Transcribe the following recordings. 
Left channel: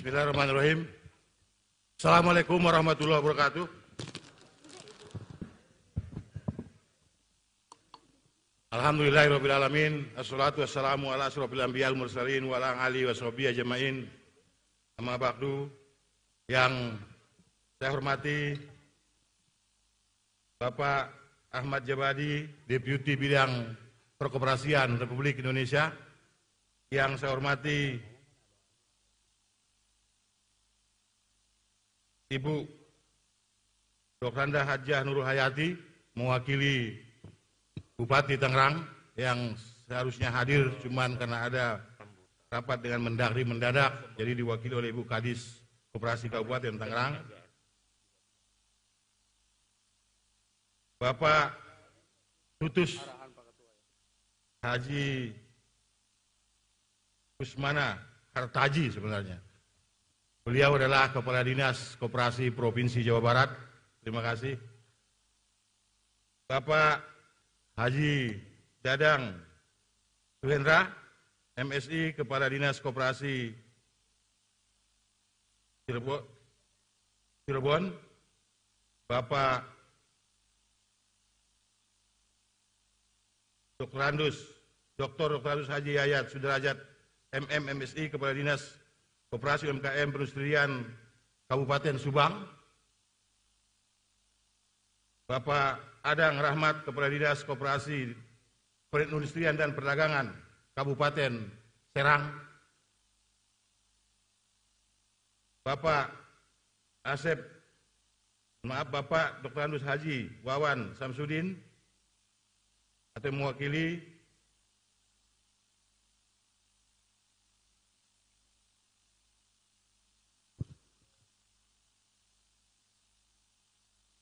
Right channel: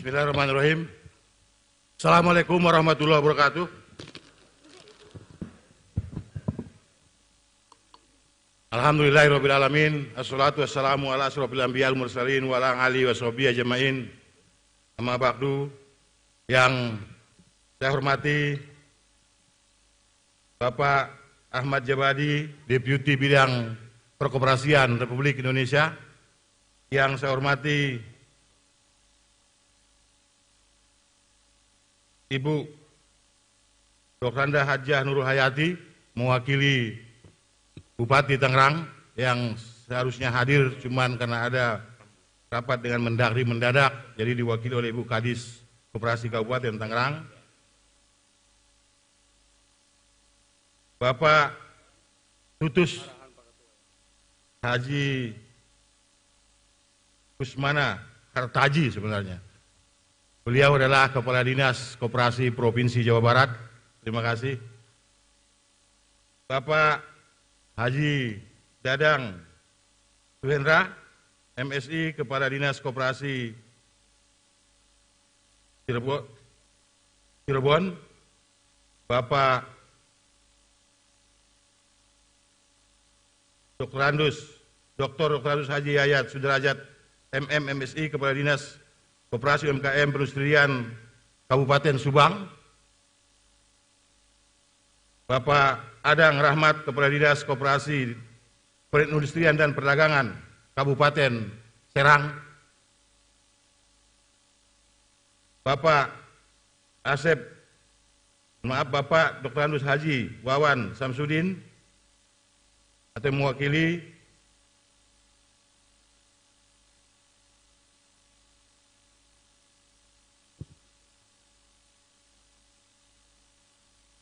Bismillahirrahmanirrahim. Assalamualaikum warahmatullahi wabarakatuh. Alhamdulillahirabbil alamin. Assalatu wassalamu ala asyrofil anbiya'il mursalin wa ala alihi washabihi ajmain. Amma ba'du. Yang saya hormati Bapak Ahmad Jabadi, Deputi Bidang Perkoperasian Republik Indonesia. Yang saya hormati Ibu Dr. Anda Hajah Nurul Hayati, mewakili Bupati Tangerang yang seharusnya hadir, cuman karena ada rapat dengan Mendagri mendadak, jadi diwakili oleh Ibu Kadis Koperasi Kabupaten Tangerang. Bapak Tutus Haji Kusmana Kartaji sebenarnya. Beliau adalah Kepala Dinas Koperasi Provinsi Jawa Barat. Terima kasih. Bapak Haji Dadang Suhendra, MSI, Kepala Dinas Koperasi Cirebon. Bapak Dr. Andus Haji Yayat Sudrajat, MM, MSI, Kepala Dinas Koperasi UMKM Perindustrian Kabupaten Subang. Bapak Adang Rahmat, Kepala Dinas Koperasi Perindustrian dan Perdagangan Kabupaten Serang. Bapak Bapak Dr. Andus Haji Wawan Samsudin atau mewakili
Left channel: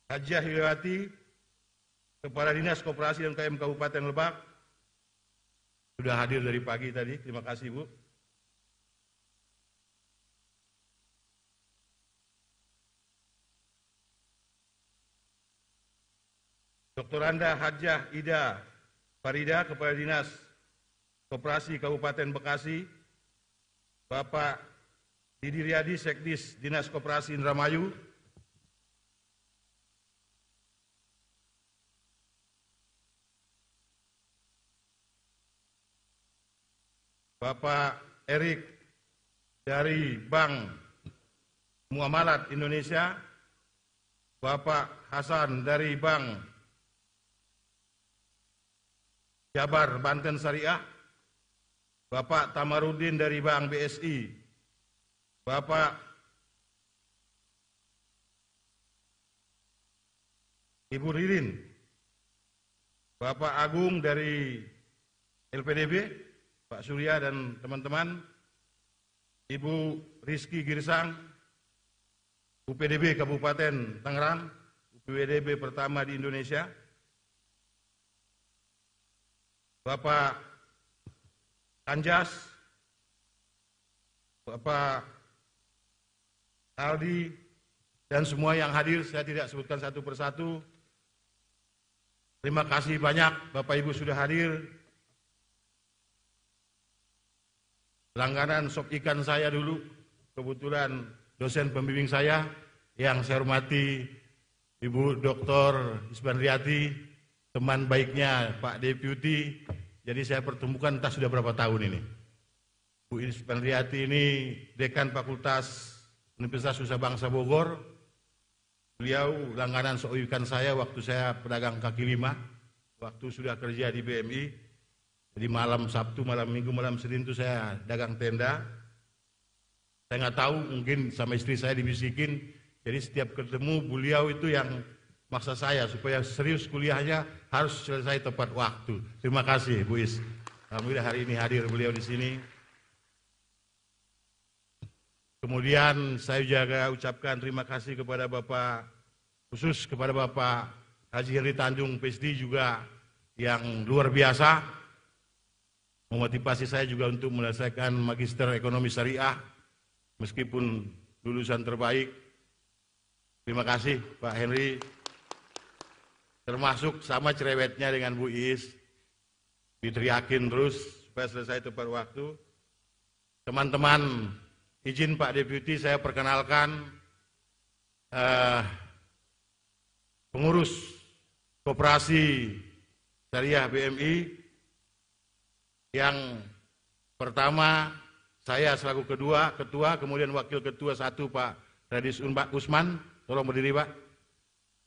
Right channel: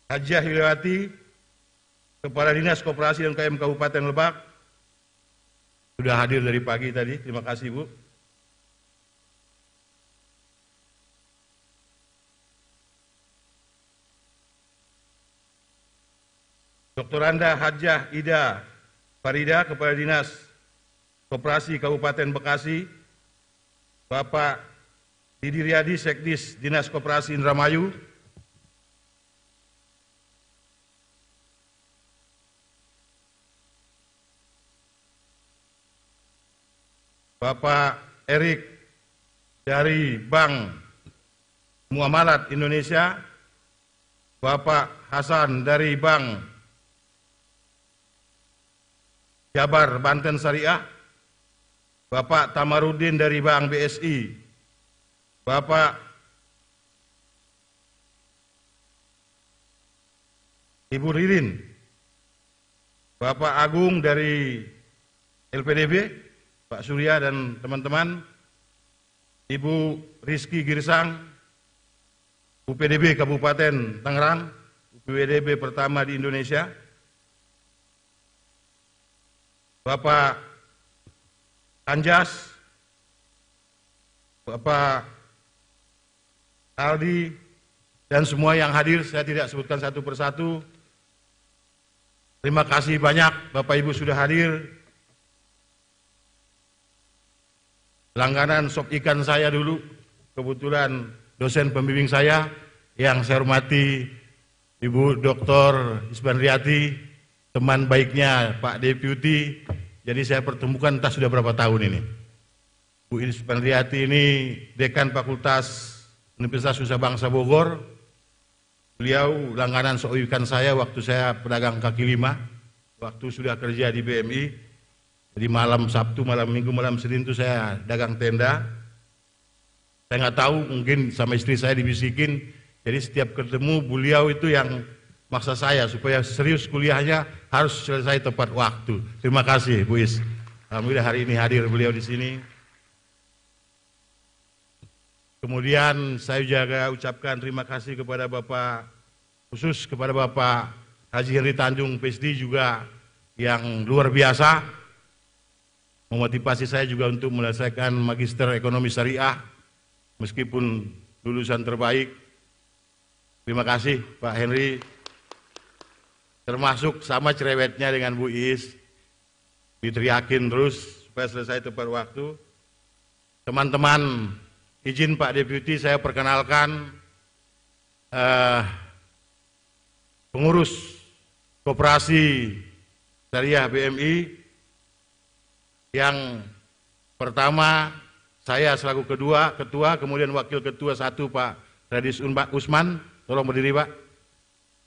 Hajah Hilawati, Kepala Dinas Koperasi UMKM Kabupaten Lebak, sudah hadir dari pagi tadi. Terima kasih, Bu. Dr. Anda Hajah Ida Farida, Kepala Dinas Koperasi Kabupaten Bekasi. Bapak Didi Riyadi, Sekdis Dinas Koperasi Indramayu. Bapak Erik dari Bank Muamalat Indonesia. Bapak Hasan dari Bank Jabar Banten Syariah. Bapak Tamarudin dari Bank BSI. Bapak Ibu Ririn. Bapak Agung dari LPDB. Pak Surya dan teman-teman, Ibu Rizky Girsang, UPDB Kabupaten Tangerang, UPDB pertama di Indonesia. Bapak Anjas, Bapak Aldi, dan semua yang hadir, saya tidak sebutkan satu persatu. Terima kasih banyak Bapak Ibu sudah hadir. Langganan sop ikan saya dulu, kebetulan dosen pembimbing saya, yang saya hormati Ibu Dr. Isbanriati, teman baiknya Pak Deputi. Jadi saya pertemukan entah sudah berapa tahun ini. Bu Isbanriati ini Dekan Fakultas Universitas Nusa Bangsa Bogor. Beliau langganan sop ikan saya waktu saya pedagang kaki lima, waktu sudah kerja di BMI. Jadi malam Sabtu, malam Minggu, malam Senin itu saya dagang tenda. Saya nggak tahu, mungkin sama istri saya dibisikin. Jadi setiap ketemu beliau itu yang maksa saya supaya serius kuliahnya harus selesai tepat waktu. Terima kasih Bu Is. Alhamdulillah hari ini hadir beliau di sini. Kemudian saya juga ucapkan terima kasih kepada Bapak, khusus kepada Bapak Haji Henry Tanjung PSD juga yang luar biasa. Memotivasi saya juga untuk menyelesaikan Magister Ekonomi Syariah, meskipun lulusan terbaik. Terima kasih Pak Henry. Termasuk sama cerewetnya dengan Bu Is, diteriakin terus supaya selesai tepat waktu. Teman-teman izin Pak Deputi saya perkenalkan pengurus Koperasi Syariah BMI yang pertama saya selaku ketua, kemudian wakil ketua 1 Pak Radis Usman, tolong berdiri Pak.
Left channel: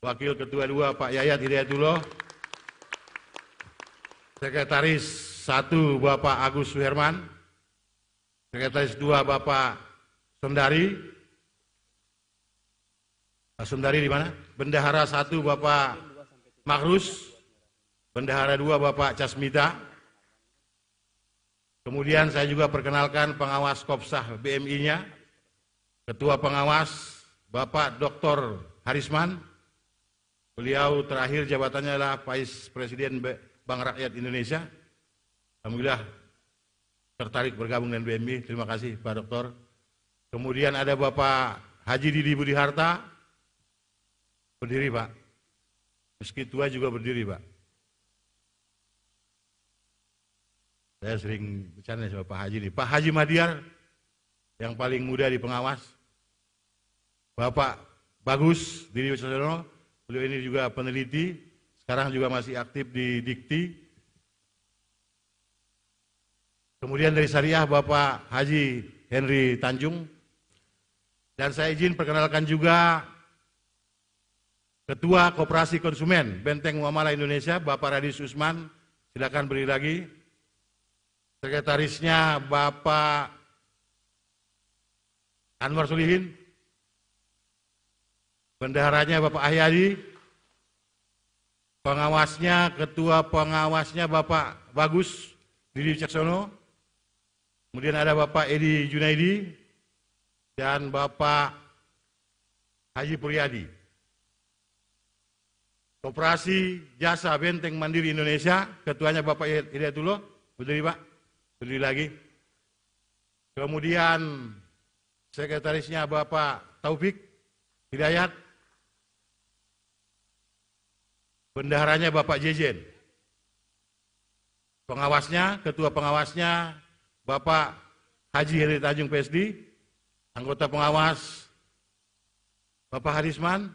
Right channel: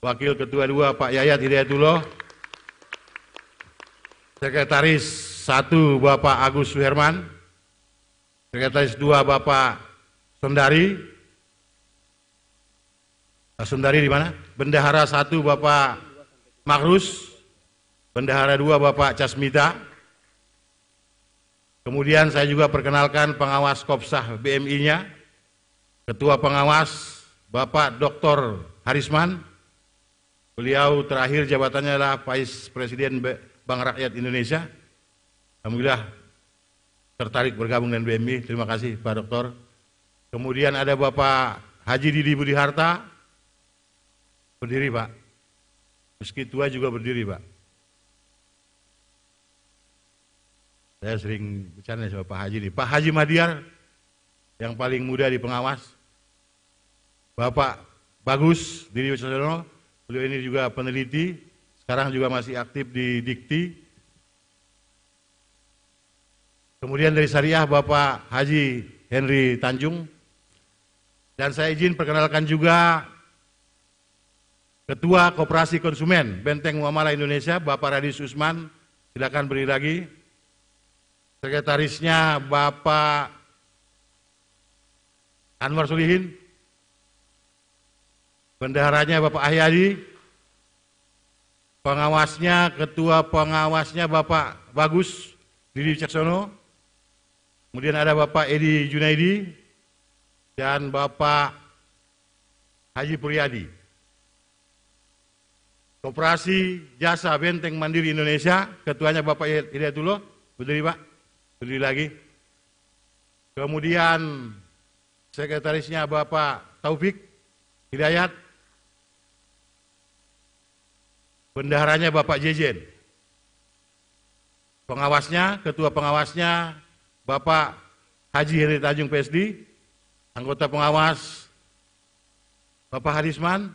Wakil ketua 2 Pak Yayat Hidayatullah. Sekretaris 1 Bapak Agus Suherman. Sekretaris 2 Bapak Sondari. Sondari di mana? Bendahara 1 Bapak Makrus. Bendahara 2 Bapak Casmita. Kemudian saya juga perkenalkan pengawas Kopsah BMI-nya, Ketua Pengawas Bapak Dr. Harisman. Beliau terakhir jabatannya adalah Vice Presiden Bank Rakyat Indonesia. Alhamdulillah tertarik bergabung dengan BMI. Terima kasih Pak Dokter. Kemudian ada Bapak Haji Didi Budi Harta. Berdiri Pak. Meski tua juga berdiri Pak. Saya sering bercanda sama Pak Haji ini. Pak Haji Madiar, yang paling muda di pengawas. Bapak Bagus Didi Wicaksono, beliau ini juga peneliti, sekarang juga masih aktif di Dikti. Kemudian dari Syariah Bapak Haji Henry Tanjung. Dan saya izin perkenalkan juga Ketua Koperasi Konsumen Benteng Muamalah Indonesia, Bapak Radis Usman, silakan berdiri lagi. Sekretarisnya Bapak Anwar Solihin, bendaharanya Bapak Ahyadi, pengawasnya, ketua pengawasnya Bapak Bagus Didi Wicaksono, kemudian ada Bapak Edi Junaidi, dan Bapak Haji Puryadi. Koperasi Jasa Benteng Mandiri Indonesia, ketuanya Bapak Hidayatullah, berdiri Pak. Berdiri lagi. Kemudian sekretarisnya Bapak Taufik Hidayat. Bendaharanya Bapak Jejen. Pengawasnya, ketua pengawasnya Bapak Haji Heri Tanjung PSD. Anggota pengawas Bapak Harisman.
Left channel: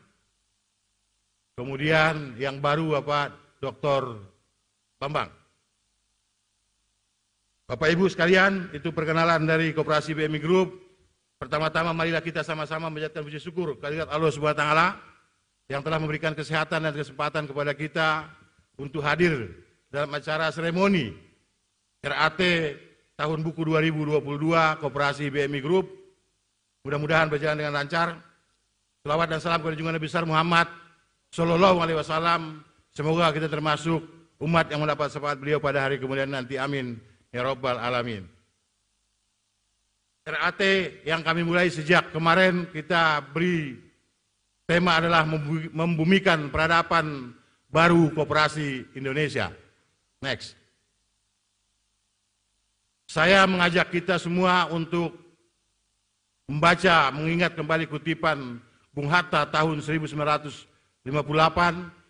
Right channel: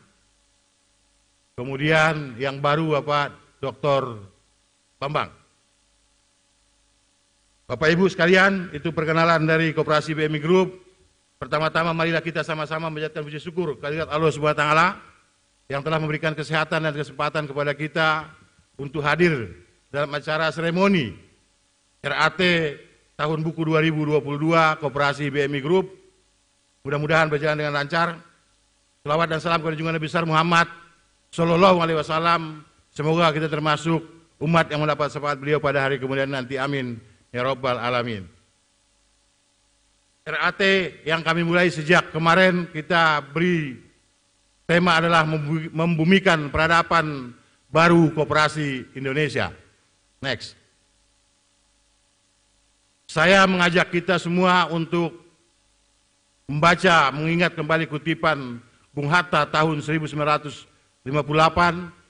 Kemudian yang baru Bapak Dr. Bambang. Bapak Ibu sekalian, itu perkenalan dari Koperasi BMI Group. Pertama-tama marilah kita sama-sama menjadikan puji syukur kehadirat Allah Subhanahu wa taala yang telah memberikan kesehatan dan kesempatan kepada kita untuk hadir dalam acara seremoni RAT tahun buku 2022 Koperasi BMI Group. Mudah-mudahan berjalan dengan lancar. Selawat dan salam kepada junjungan Nabi besar Muhammad Sallallahu Alaihi Wasallam. Semoga kita termasuk umat yang mendapat syafaat beliau pada hari kemudian nanti. Amin. Ya Rabbal Alamin. RAT yang kami mulai sejak kemarin kita beri tema adalah membumikan peradaban baru Koperasi Indonesia. Next. Saya mengajak kita semua untuk membaca, mengingat kembali kutipan Bung Hatta tahun 1958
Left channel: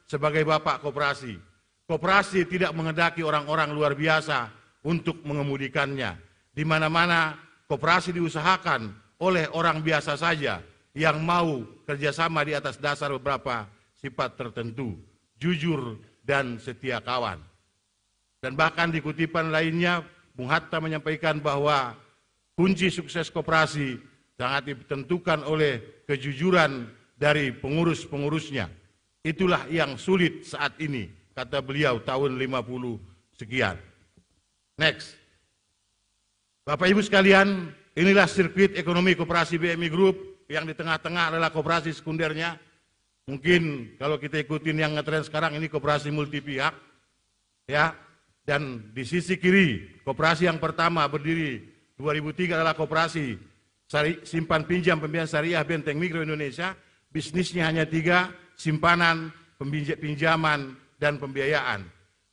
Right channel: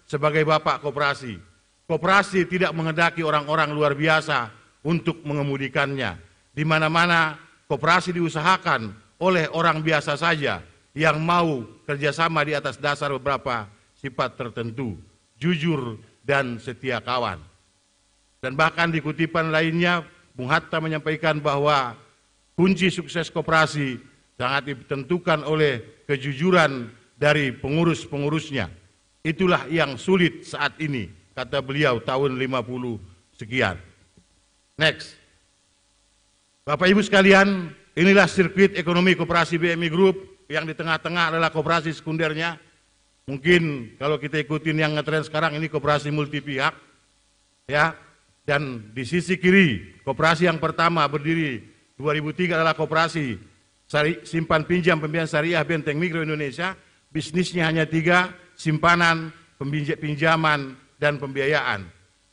sebagai Bapak Koperasi. Koperasi tidak menghendaki orang-orang luar biasa untuk mengemudikannya. Di mana-mana koperasi diusahakan oleh orang biasa saja yang mau kerjasama di atas dasar beberapa sifat tertentu, jujur dan setia kawan. Dan bahkan di kutipan lainnya, Bung Hatta menyampaikan bahwa kunci sukses koperasi sangat ditentukan oleh kejujuran dari pengurus-pengurusnya. Itulah yang sulit saat ini, kata beliau tahun 50 sekian. Next. Bapak Ibu sekalian, inilah sirkuit ekonomi Koperasi BMI Group yang di tengah-tengah adalah koperasi sekundernya. Mungkin kalau kita ikutin yang ngetren sekarang ini koperasi multi pihak. Ya. Dan di sisi kiri, koperasi yang pertama berdiri 2003 adalah koperasi simpan pinjam pembiayaan syariah Benteng Mikro Indonesia. Bisnisnya hanya 3, simpanan, pinjaman, dan pembiayaan.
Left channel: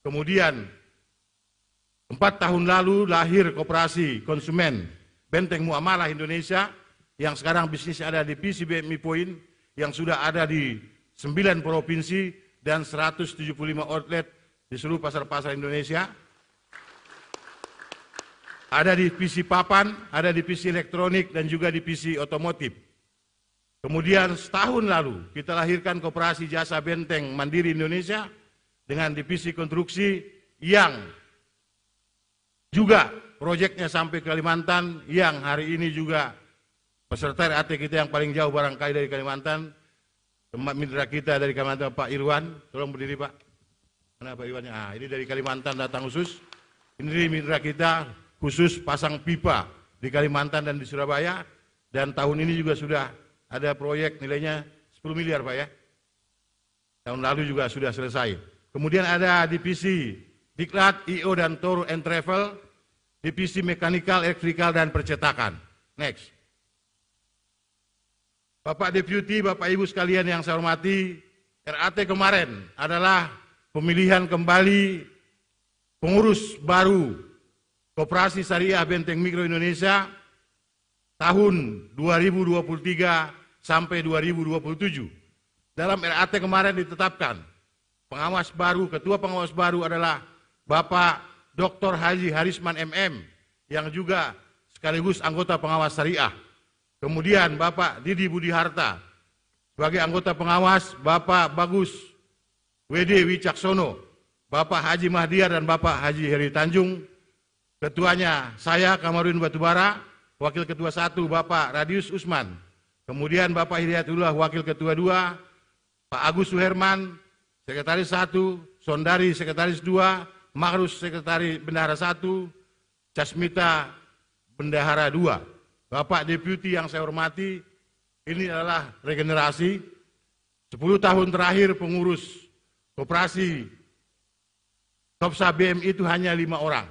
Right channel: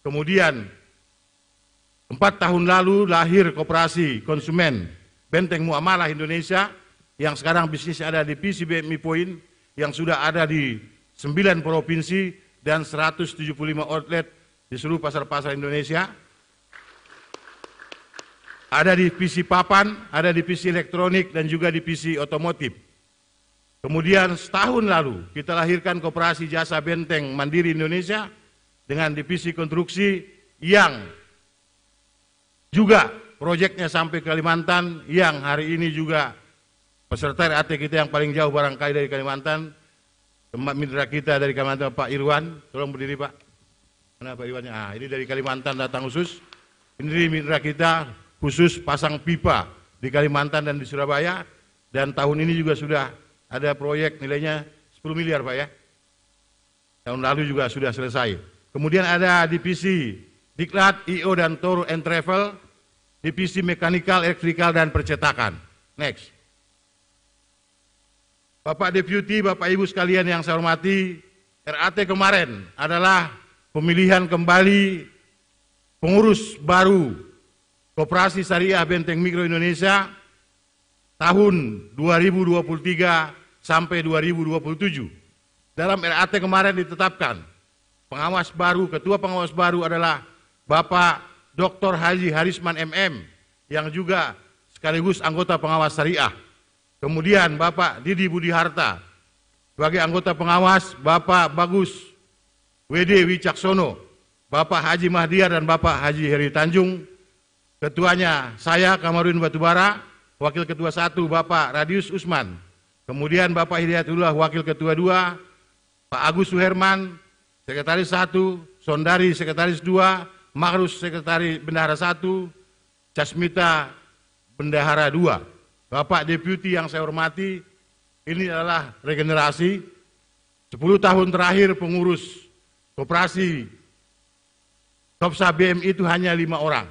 Kemudian 4 tahun lalu lahir Koperasi Konsumen Benteng Muamalah Indonesia yang sekarang bisnisnya ada di PC BMI Point yang sudah ada di 9 provinsi dan 175 outlet di seluruh pasar-pasar Indonesia. ada divisi papan, ada divisi elektronik, dan juga divisi otomotif. Kemudian setahun lalu kita lahirkan Koperasi Jasa Benteng Mandiri Indonesia dengan divisi konstruksi yang juga proyeknya sampai Kalimantan, yang hari ini juga peserta RAT kita yang paling jauh barangkali dari Kalimantan, tempat mitra kita dari Kalimantan, Pak Irwan, tolong berdiri Pak. Mana Pak Irwannya? Ah, ini dari Kalimantan datang khusus. Ini mitra kita khusus pasang pipa di Kalimantan dan di Surabaya, dan tahun ini juga sudah ada proyek nilainya 10 miliar Pak ya. Tahun lalu juga sudah selesai. Kemudian ada divisi Diklat, IO dan Tour and Travel, divisi mekanikal, elektrikal dan percetakan. Next. Bapak Deputi, Bapak Ibu sekalian yang saya hormati, RAT kemarin adalah pemilihan kembali pengurus baru Koperasi Syariah Benteng Mikro Indonesia tahun 2023 sampai 2027. Dalam RAT kemarin ditetapkan pengawas baru, ketua pengawas baru adalah Bapak Dr. Haji Harisman MM yang juga sekaligus anggota pengawas syariah. Kemudian Bapak Didi Budi Harta sebagai anggota pengawas, Bapak Bagus WD Wicaksono, Bapak Haji Mahdiar dan Bapak Haji Heri Tanjung. Ketuanya saya Kamarudin Batubara, Wakil Ketua 1 Bapak Radius Usman. Kemudian Bapak Hidayatullah Wakil Ketua 2, Pak Agus Suherman, Sekretaris 1, Sondari Sekretaris 2, Makrus Sekretaris Bendahara 1, Casmita Bendahara 2. Bapak Deputi yang saya hormati, ini adalah regenerasi. 10 tahun terakhir pengurus koperasi Kopsa BMI itu hanya 5 orang.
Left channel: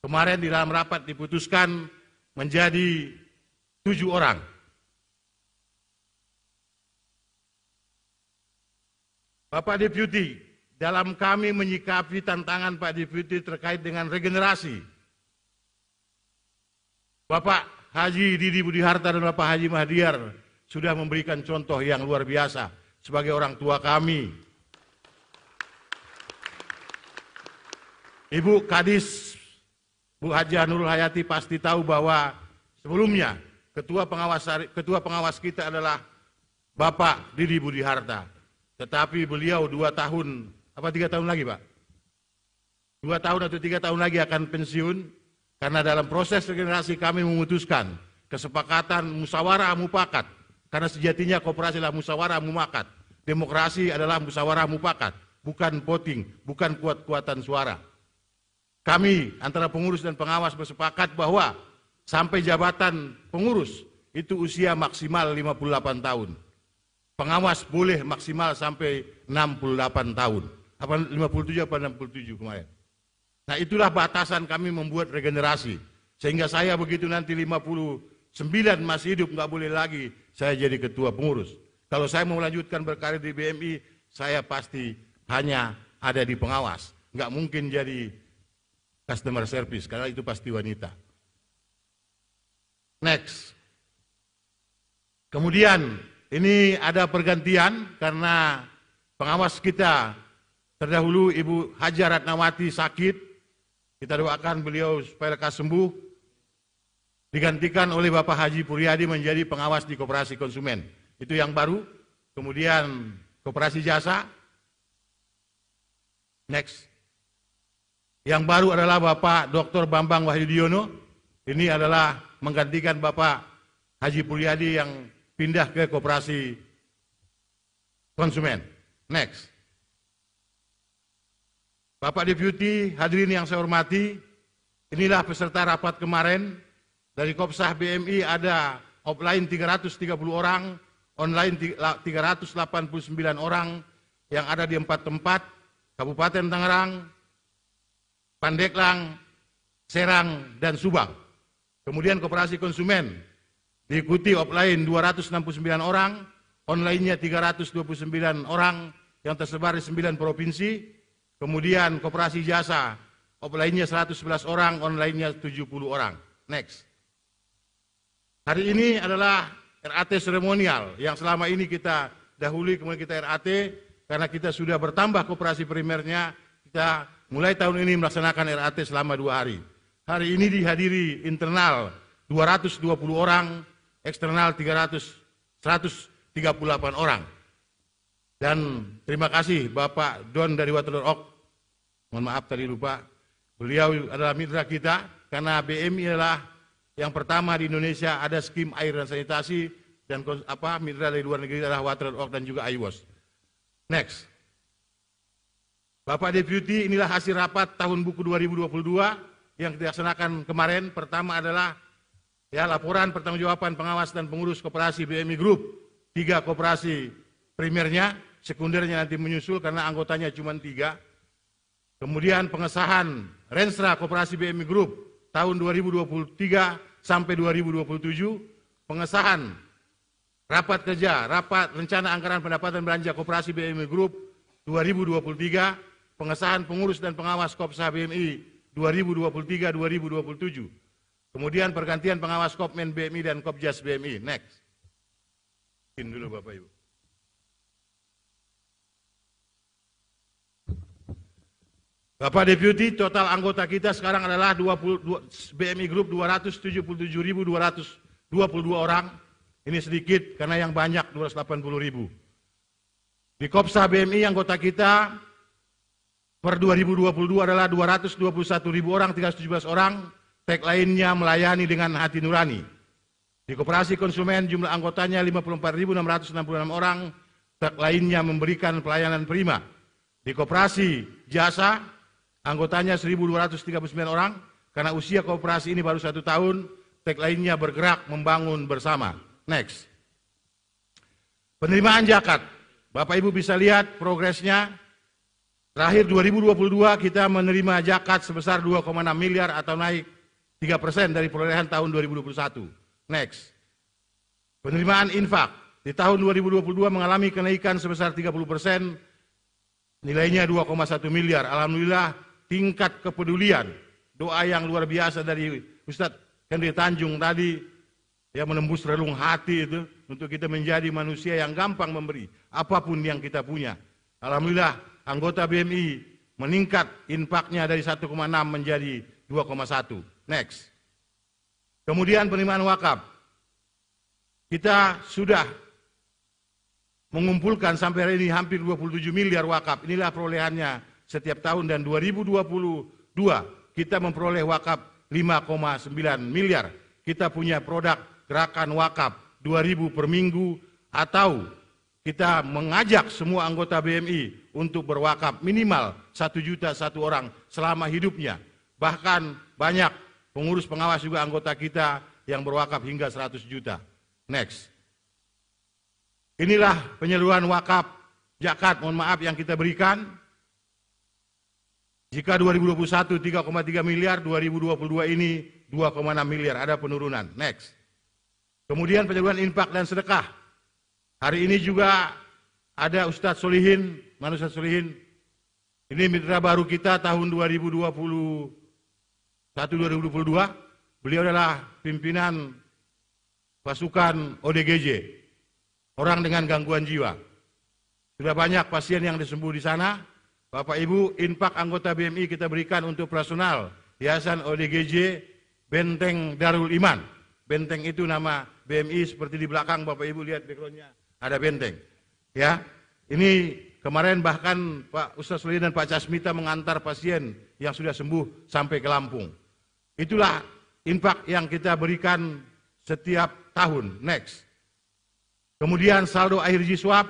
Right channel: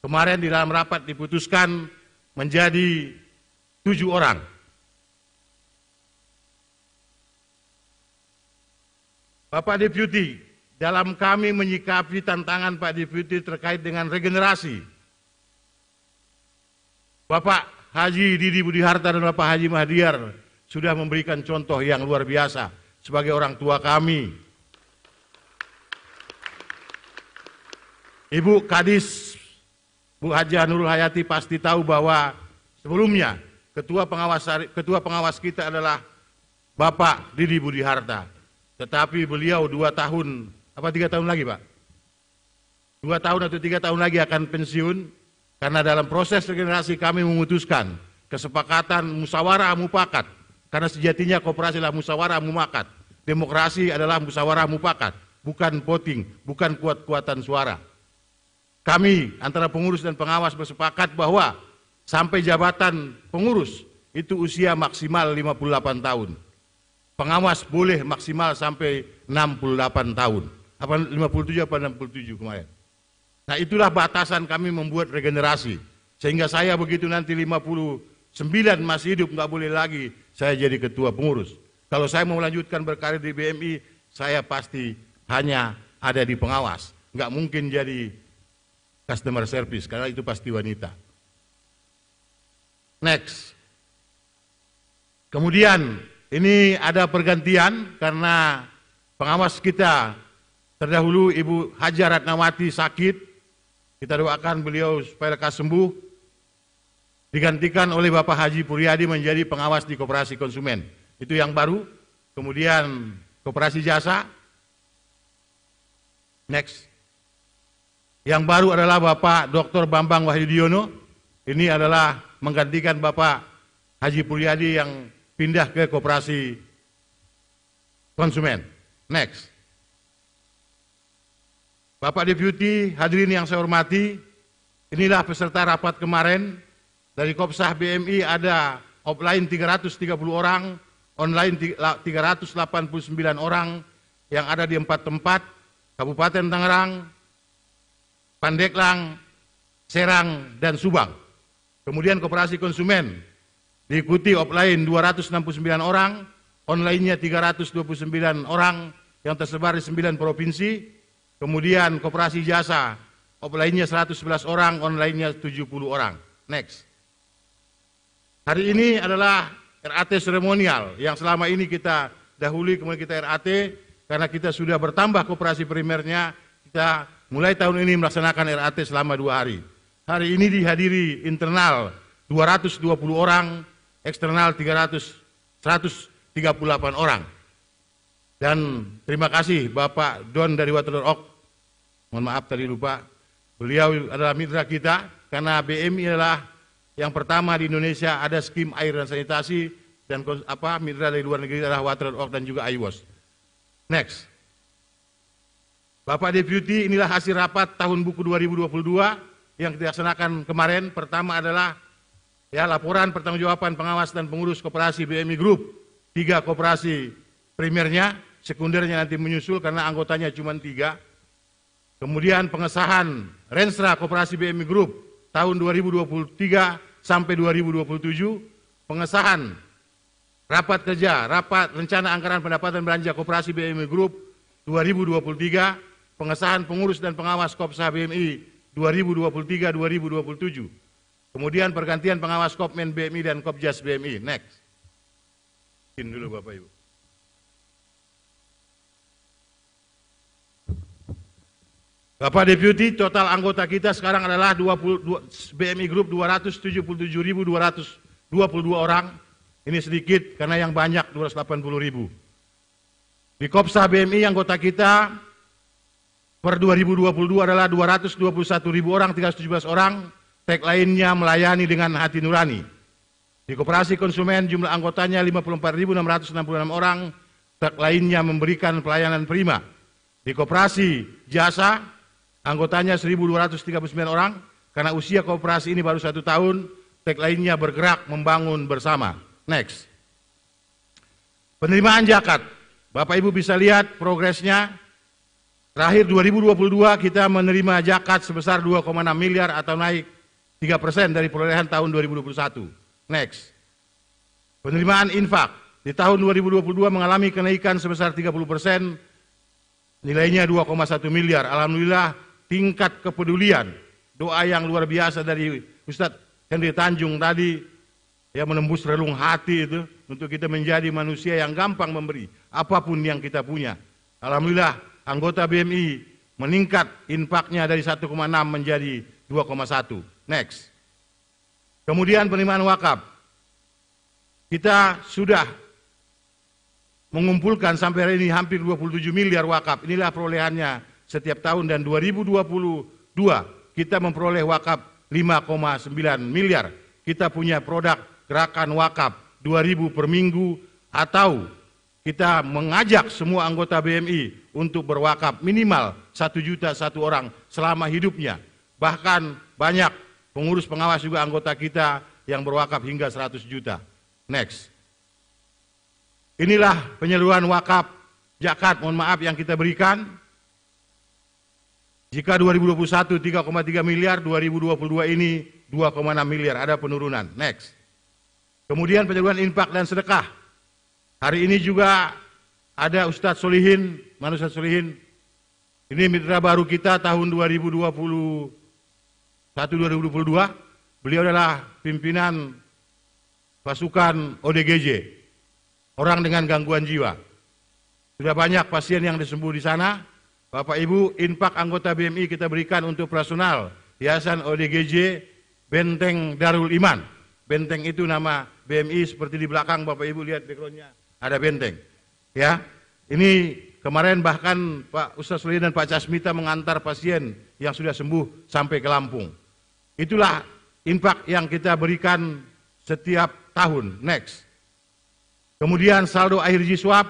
Kemarin di dalam rapat diputuskan menjadi 7 orang. Bapak Deputi, dalam kami menyikapi tantangan Pak Deputi terkait dengan regenerasi, Bapak Haji Didi Budi Harta dan Bapak Haji Mahdiar sudah memberikan contoh yang luar biasa sebagai orang tua kami. Ibu Kadis, Bu Haji Nurul Hayati pasti tahu bahwa sebelumnya ketua pengawas kita adalah Bapak Didi Budi Harta. Tetapi beliau 2 tahun, apa 3 tahun lagi Pak? 2 tahun atau 3 tahun lagi akan pensiun, karena dalam proses regenerasi kami memutuskan kesepakatan musyawarah mufakat, karena sejatinya koperasi adalah musyawarah mufakat. Demokrasi adalah musyawarah mufakat, bukan voting, bukan kuat-kuatan suara. Kami antara pengurus dan pengawas bersepakat bahwa sampai jabatan pengurus itu usia maksimal 58 tahun. Pengawas boleh maksimal sampai 68 tahun. Apa 57 apa 67 kemarin. Nah itulah batasan kami membuat regenerasi. Sehingga saya begitu nanti 59 masih hidup, nggak boleh lagi saya jadi ketua pengurus. Kalau saya mau melanjutkan berkarir di BMI, saya pasti hanya ada di pengawas. Nggak mungkin jadi customer service, karena itu pasti wanita. Next. Kemudian ini ada pergantian karena pengawas kita terdahulu Ibu Haja Ratnawati sakit. Kita doakan beliau supaya lekas sembuh. Digantikan oleh Bapak Haji Puryadi menjadi pengawas di Koperasi Konsumen. Itu yang baru. Kemudian Koperasi Jasa. Next. Yang baru adalah Bapak Dr. Bambang Wahyudiono. Ini adalah menggantikan Bapak Haji Puryadi yang pindah ke Koperasi Konsumen. Next. Bapak Deputi, hadirin yang saya hormati, inilah peserta rapat kemarin. Dari Kopsah BMI ada offline 330 orang, online 389 orang yang ada di 4 tempat, Kabupaten Tangerang, Pandeglang, Serang, dan Subang. Kemudian Koperasi Konsumen diikuti offline 269 orang, online-nya 329 orang yang tersebar di 9 provinsi. Kemudian Koperasi Jasa, offline-nya 111 orang, online-nya 70 orang. Next. Hari ini adalah RAT seremonial yang selama ini kita dahului, kemudian kita RAT, karena kita sudah bertambah koperasi primernya, kita mulai tahun ini melaksanakan RAT selama 2 hari. hari ini dihadiri internal 220 orang, eksternal 138 orang. Dan terima kasih Bapak Don dari Water.org, mohon maaf tadi lupa, beliau adalah mitra kita karena BMI adalah yang pertama di Indonesia ada skim air dan sanitasi, dan mitra dari luar negeri adalah Water.org dan juga IWOS. Next. Bapak Deputi, inilah hasil rapat tahun buku 2022 yang kita laksanakan kemarin. Pertama adalah laporan pertanggungjawaban pengawas dan pengurus koperasi BMI Group, 3 koperasi primernya, sekundernya nanti menyusul karena anggotanya cuma 3. Kemudian pengesahan Renstra Koperasi BMI Group tahun 2023 sampai 2027, pengesahan rapat kerja, rapat rencana anggaran pendapatan belanja Koperasi BMI Group 2023, pengesahan pengurus dan pengawas Kopsa BMI 2023-2027. Kemudian pergantian pengawas Kopmen BMI dan Kopjas BMI. Next. Izin dulu Bapak Ibu. Bapak Deputi, total anggota kita sekarang adalah BMI Group 277.222 orang. Ini sedikit karena yang banyak 280.000. Di Kopsa BMI anggota kita per 2022 adalah 221.000 orang, 317 orang. Tag lainnya melayani dengan hati nurani. Di Koperasi Konsumen jumlah anggotanya 54.666 orang. Tag lainnya memberikan pelayanan prima. Di Koperasi Jasa anggotanya 1.239 orang, karena usia koperasi ini baru 1 tahun, tag lainnya bergerak membangun bersama. Next. Penerimaan zakat, Bapak Ibu bisa lihat progresnya. Terakhir 2022 kita menerima zakat sebesar 2,6 miliar atau naik 3% dari perolehan tahun 2021. Next. Penerimaan infak, di tahun 2022 mengalami kenaikan sebesar 30%, nilainya 2,1 miliar. Alhamdulillah, tingkat kepedulian, doa yang luar biasa dari Ustadz Henry Tanjung tadi, menembus relung hati itu, untuk kita menjadi manusia yang gampang memberi, apapun yang kita punya. Alhamdulillah, anggota BMI meningkat infaknya dari 1,6 menjadi 2,1. Next. Kemudian penerimaan wakaf. Kita sudah mengumpulkan sampai hari ini hampir 27 miliar wakaf. Inilah perolehannya setiap tahun, dan 2022 kita memperoleh wakaf 5,9 miliar. Kita punya produk gerakan wakaf 2.000 per minggu, atau kita mengajak semua anggota BMI untuk berwakaf minimal 1 juta 1 orang selama hidupnya. Bahkan banyak pengurus pengawas juga anggota kita yang berwakaf hingga 100 juta. Next. Inilah penyaluran wakaf zakat, mohon maaf, yang kita berikan. Jika 2021 3,3 miliar, 2022 ini 2,6 miliar, ada penurunan. Next. Kemudian penyaluran infak dan sedekah. Hari ini juga ada Ustadz Solihin, Manusia Solihin. Ini mitra baru kita tahun 2021-2022. Beliau adalah pimpinan pasukan ODGJ, orang dengan gangguan jiwa. Sudah banyak pasien yang disembuh di sana. Bapak Ibu, infak anggota BMI kita berikan untuk personal Yayasan ODGJ Benteng Darul Iman. Benteng itu nama BMI, seperti di belakang Bapak Ibu lihat backgroundnya ada benteng. Ya, ini kemarin bahkan Pak Ustadz Solihin dan Pak Casmita mengantar pasien yang sudah sembuh sampai ke Lampung. Itulah infak yang kita berikan setiap tahun. Next. Kemudian saldo akhir Jiswab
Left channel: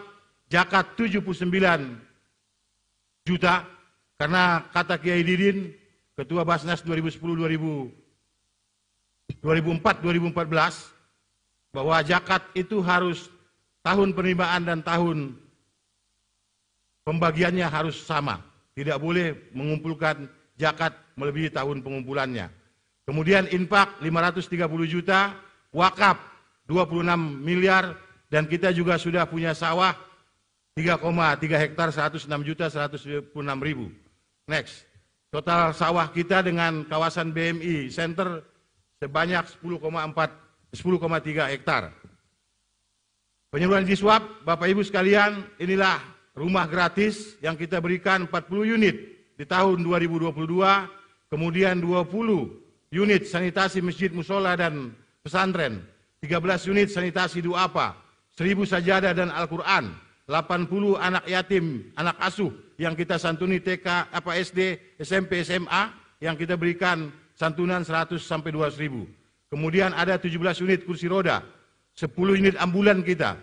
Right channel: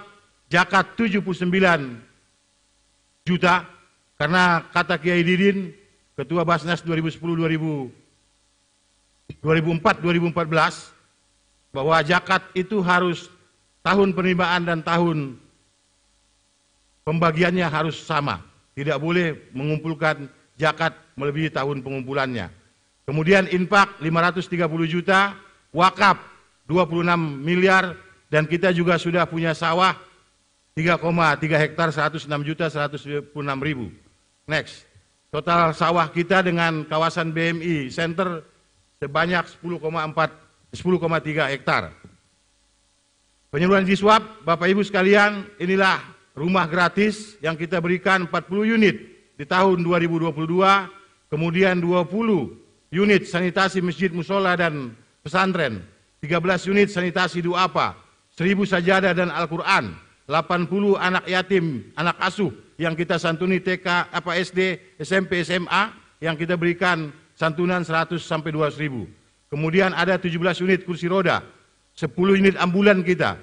zakat 79 juta, karena kata Kiai Didin, Ketua Basnas 2004-2014, bahwa zakat itu harus tahun penerimaan dan tahun pembagiannya harus sama. Tidak boleh mengumpulkan zakat melebihi tahun pengumpulannya. Kemudian infak 530 juta, wakaf 26 miliar, dan kita juga sudah punya sawah 3,3 hektar 106.196.000. Next. Total sawah kita dengan kawasan BMI Center sebanyak 10,3 hektar. Penyaluran Jiswab, Bapak Ibu sekalian, inilah rumah gratis yang kita berikan 40 unit di tahun 2022, kemudian 20 unit sanitasi masjid, musola, dan pesantren, 13 unit sanitasi duafa, 1000 sajadah dan Al-Quran, 80 anak yatim, anak asuh yang kita santuni TK, SD, SMP, SMA, yang kita berikan santunan 100 sampai 200.000. Kemudian ada 17 unit kursi roda, 10 unit ambulan kita.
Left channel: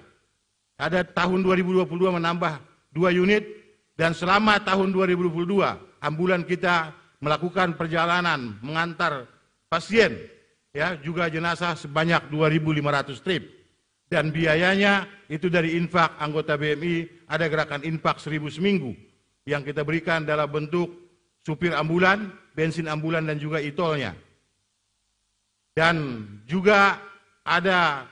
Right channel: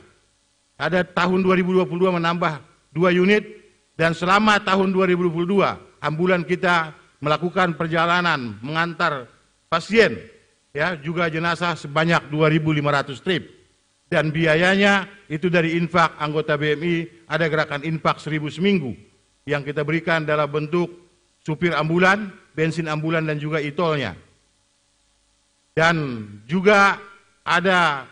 Ada tahun 2022 menambah 2 unit, dan selama tahun 2022 ambulan kita melakukan perjalanan mengantar pasien, ya, juga jenazah sebanyak 2.500 trip. Dan biayanya itu dari infak anggota BMI, ada gerakan infak 1.000 seminggu yang kita berikan dalam bentuk supir ambulan, bensin ambulan, dan juga e-tolnya. Dan juga ada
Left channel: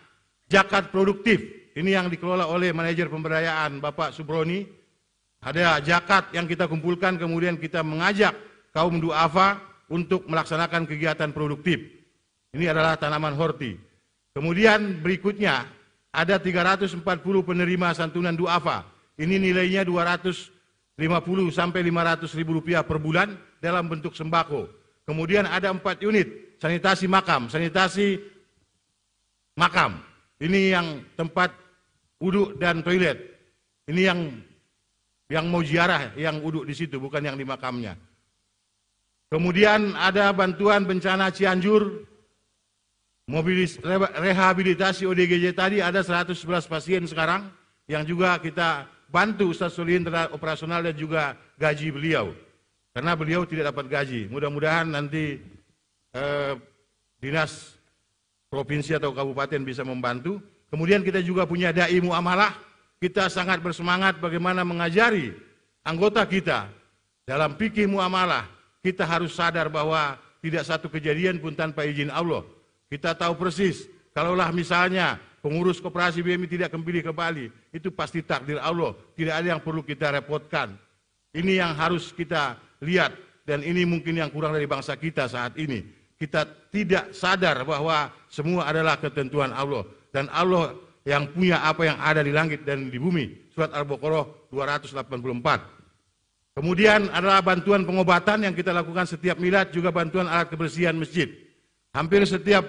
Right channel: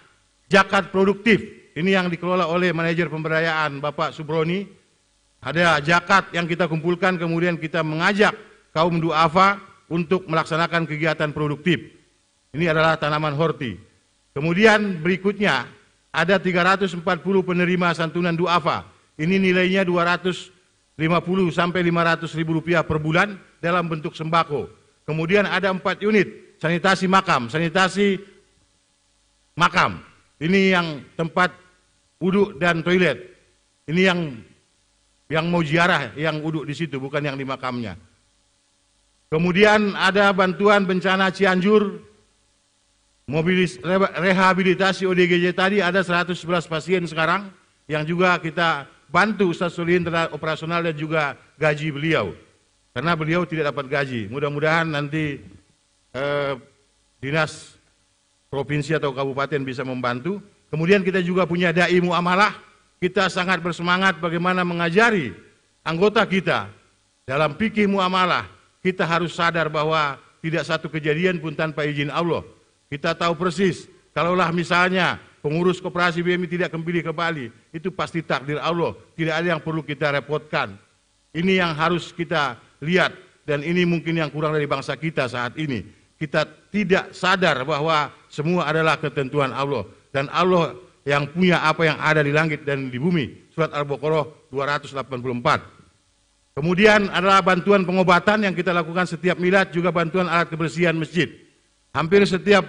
zakat produktif, ini yang dikelola oleh manajer pemberdayaan Bapak Subroni. Ada zakat yang kita kumpulkan, kemudian kita mengajak kaum duafa untuk melaksanakan kegiatan produktif. Ini adalah tanaman horti. Kemudian berikutnya ada 340 penerima santunan duafa. Ini nilainya 250 sampai 500.000 rupiah per bulan dalam bentuk sembako. Kemudian ada 4 unit sanitasi makam, Ini yang tempat wudhu dan toilet. Ini yang mau ziarah, yang wudhu di situ, bukan yang di makamnya. Kemudian ada bantuan bencana Cianjur, rehabilitasi ODGJ tadi ada 111 pasien sekarang, yang juga kita bantu Ustaz Solihin terhadap operasional dan juga gaji beliau. Karena beliau tidak dapat gaji. Mudah-mudahan nanti dinas provinsi atau kabupaten bisa membantu. Kemudian kita juga punya dai muamalah. Kita sangat bersemangat bagaimana mengajari anggota kita dalam fikih muamalah. Kita harus sadar bahwa tidak satu kejadian pun tanpa izin Allah. Kita tahu persis, kalaulah misalnya pengurus koperasi BMI tidak kembali ke Bali, itu pasti takdir Allah. Tidak ada yang perlu kita repotkan. Ini yang harus kita lihat, dan ini mungkin yang kurang dari bangsa kita saat ini. Kita tidak sadar bahwa semua adalah ketentuan Allah. Dan Allah yang punya apa yang ada di langit dan di bumi. Surat Al-Baqarah 284. Kemudian adalah bantuan pengobatan yang kita lakukan setiap milad, juga bantuan alat kebersihan masjid. Hampir setiap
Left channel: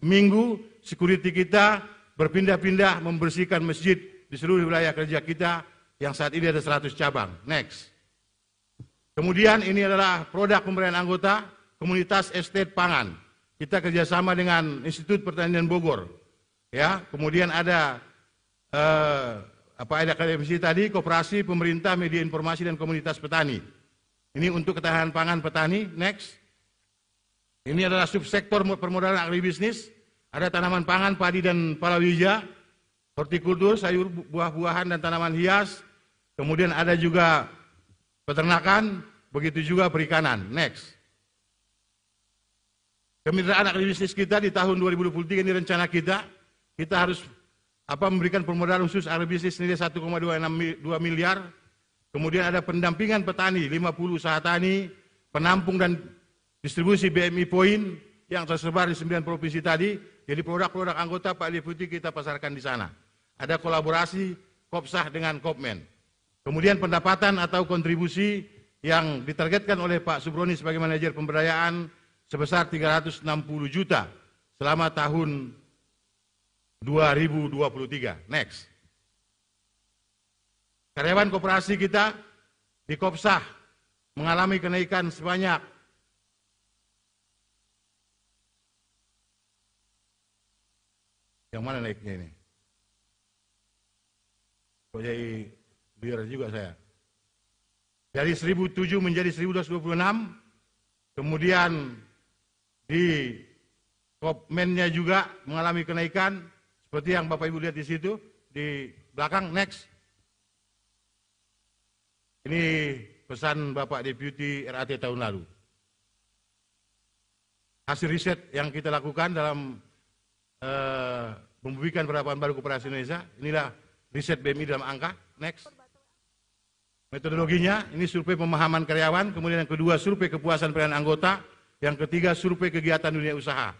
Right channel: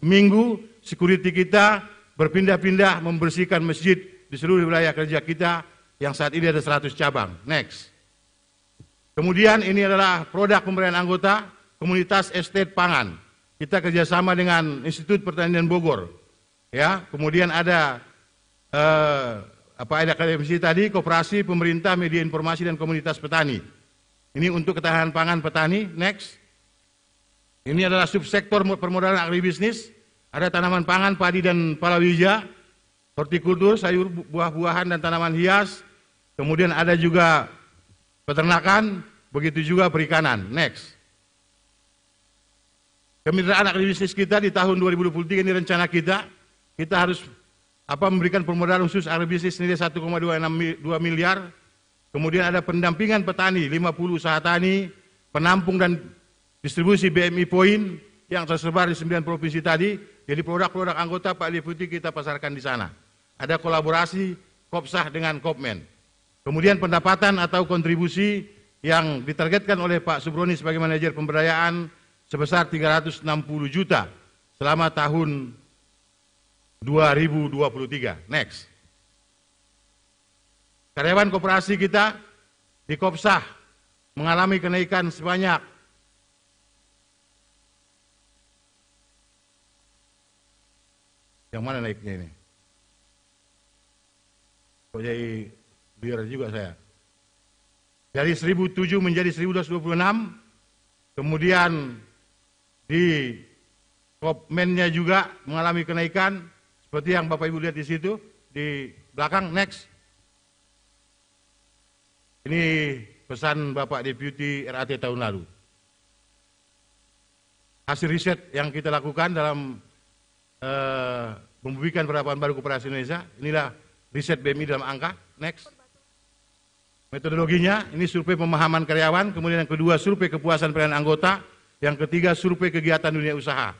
minggu, security kita berpindah-pindah membersihkan masjid di seluruh wilayah kerja kita, yang saat ini ada 100 cabang. Next. Kemudian ini adalah produk pemberdayaan anggota, komunitas estate pangan. Kita kerjasama dengan Institut Pertanian Bogor. Ya, kemudian ada akademisi tadi, koperasi, pemerintah, media informasi, dan komunitas petani. Ini untuk ketahanan pangan petani. Next. Ini adalah subsektor permodalan agribisnis. Ada tanaman pangan, padi dan palawija, hortikultur, sayur, buah-buahan, dan tanaman hias. Kemudian ada juga peternakan, begitu juga perikanan. Next. Kemitraan agribisnis kita di tahun 2023 ini rencana kita harus memberikan permodalan khusus agribisnis nilai 1,2 miliar. Kemudian ada pendampingan petani, 50 usaha tani, penampung dan distribusi BMI Point yang tersebar di 9 provinsi tadi. Jadi produk-produk anggota Pak Deputi kita pasarkan di sana. Ada kolaborasi Kopsah dengan Kopmen. Kemudian pendapatan atau kontribusi yang ditargetkan oleh Pak Subroni sebagai manajer pemberdayaan sebesar 360 juta selama tahun 2023. Next. Karyawan koperasi kita di Kopsah mengalami kenaikan sebanyak yang mana naiknya ini? Kok jadi biar juga saya. Dari 1.007 menjadi 1.226. Kemudian di Kopmennya juga mengalami kenaikan seperti yang Bapak Ibu lihat di situ di belakang. Next. Ini pesan Bapak Deputi RAT tahun lalu. Hasil riset yang kita lakukan dalam membumikan penerapan baru koperasi Indonesia. Inilah riset BMI dalam angka. Next. Metodologinya, ini survei pemahaman karyawan, kemudian yang kedua survei kepuasan pelayanan anggota, yang ketiga survei kegiatan dunia usaha.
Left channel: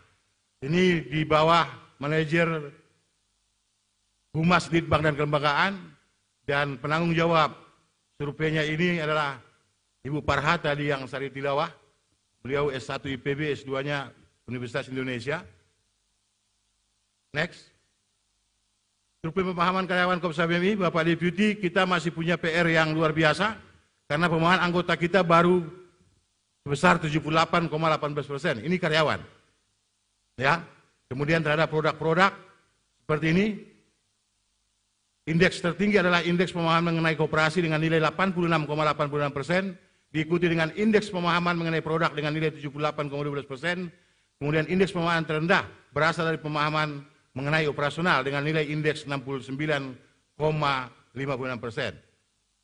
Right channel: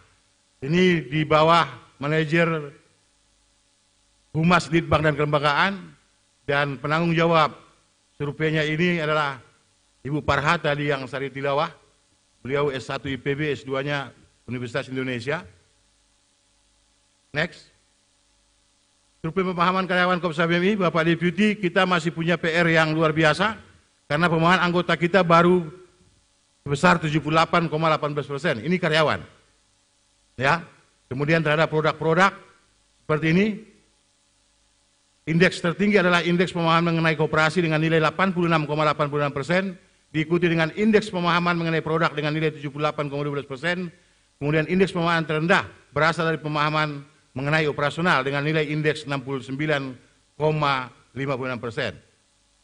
Ini di bawah manajer Humas Litbang dan Kelembagaan, dan penanggung jawab surveinya ini adalah Ibu Parha tadi yang Sari Tilawah. Beliau S1 IPB, S2-nya Universitas Indonesia. Next. Survei pemahaman karyawan Kopsa BMI, Bapak Deputi, kita masih punya PR yang luar biasa karena pemahaman anggota kita baru sebesar 78,18%. Ini karyawan. Ya. Kemudian terhadap produk-produk seperti ini, indeks tertinggi adalah indeks pemahaman mengenai koperasi dengan nilai 86,86%, diikuti dengan indeks pemahaman mengenai produk dengan nilai 78,12%, kemudian indeks pemahaman terendah berasal dari pemahaman mengenai operasional dengan nilai indeks 69,56%.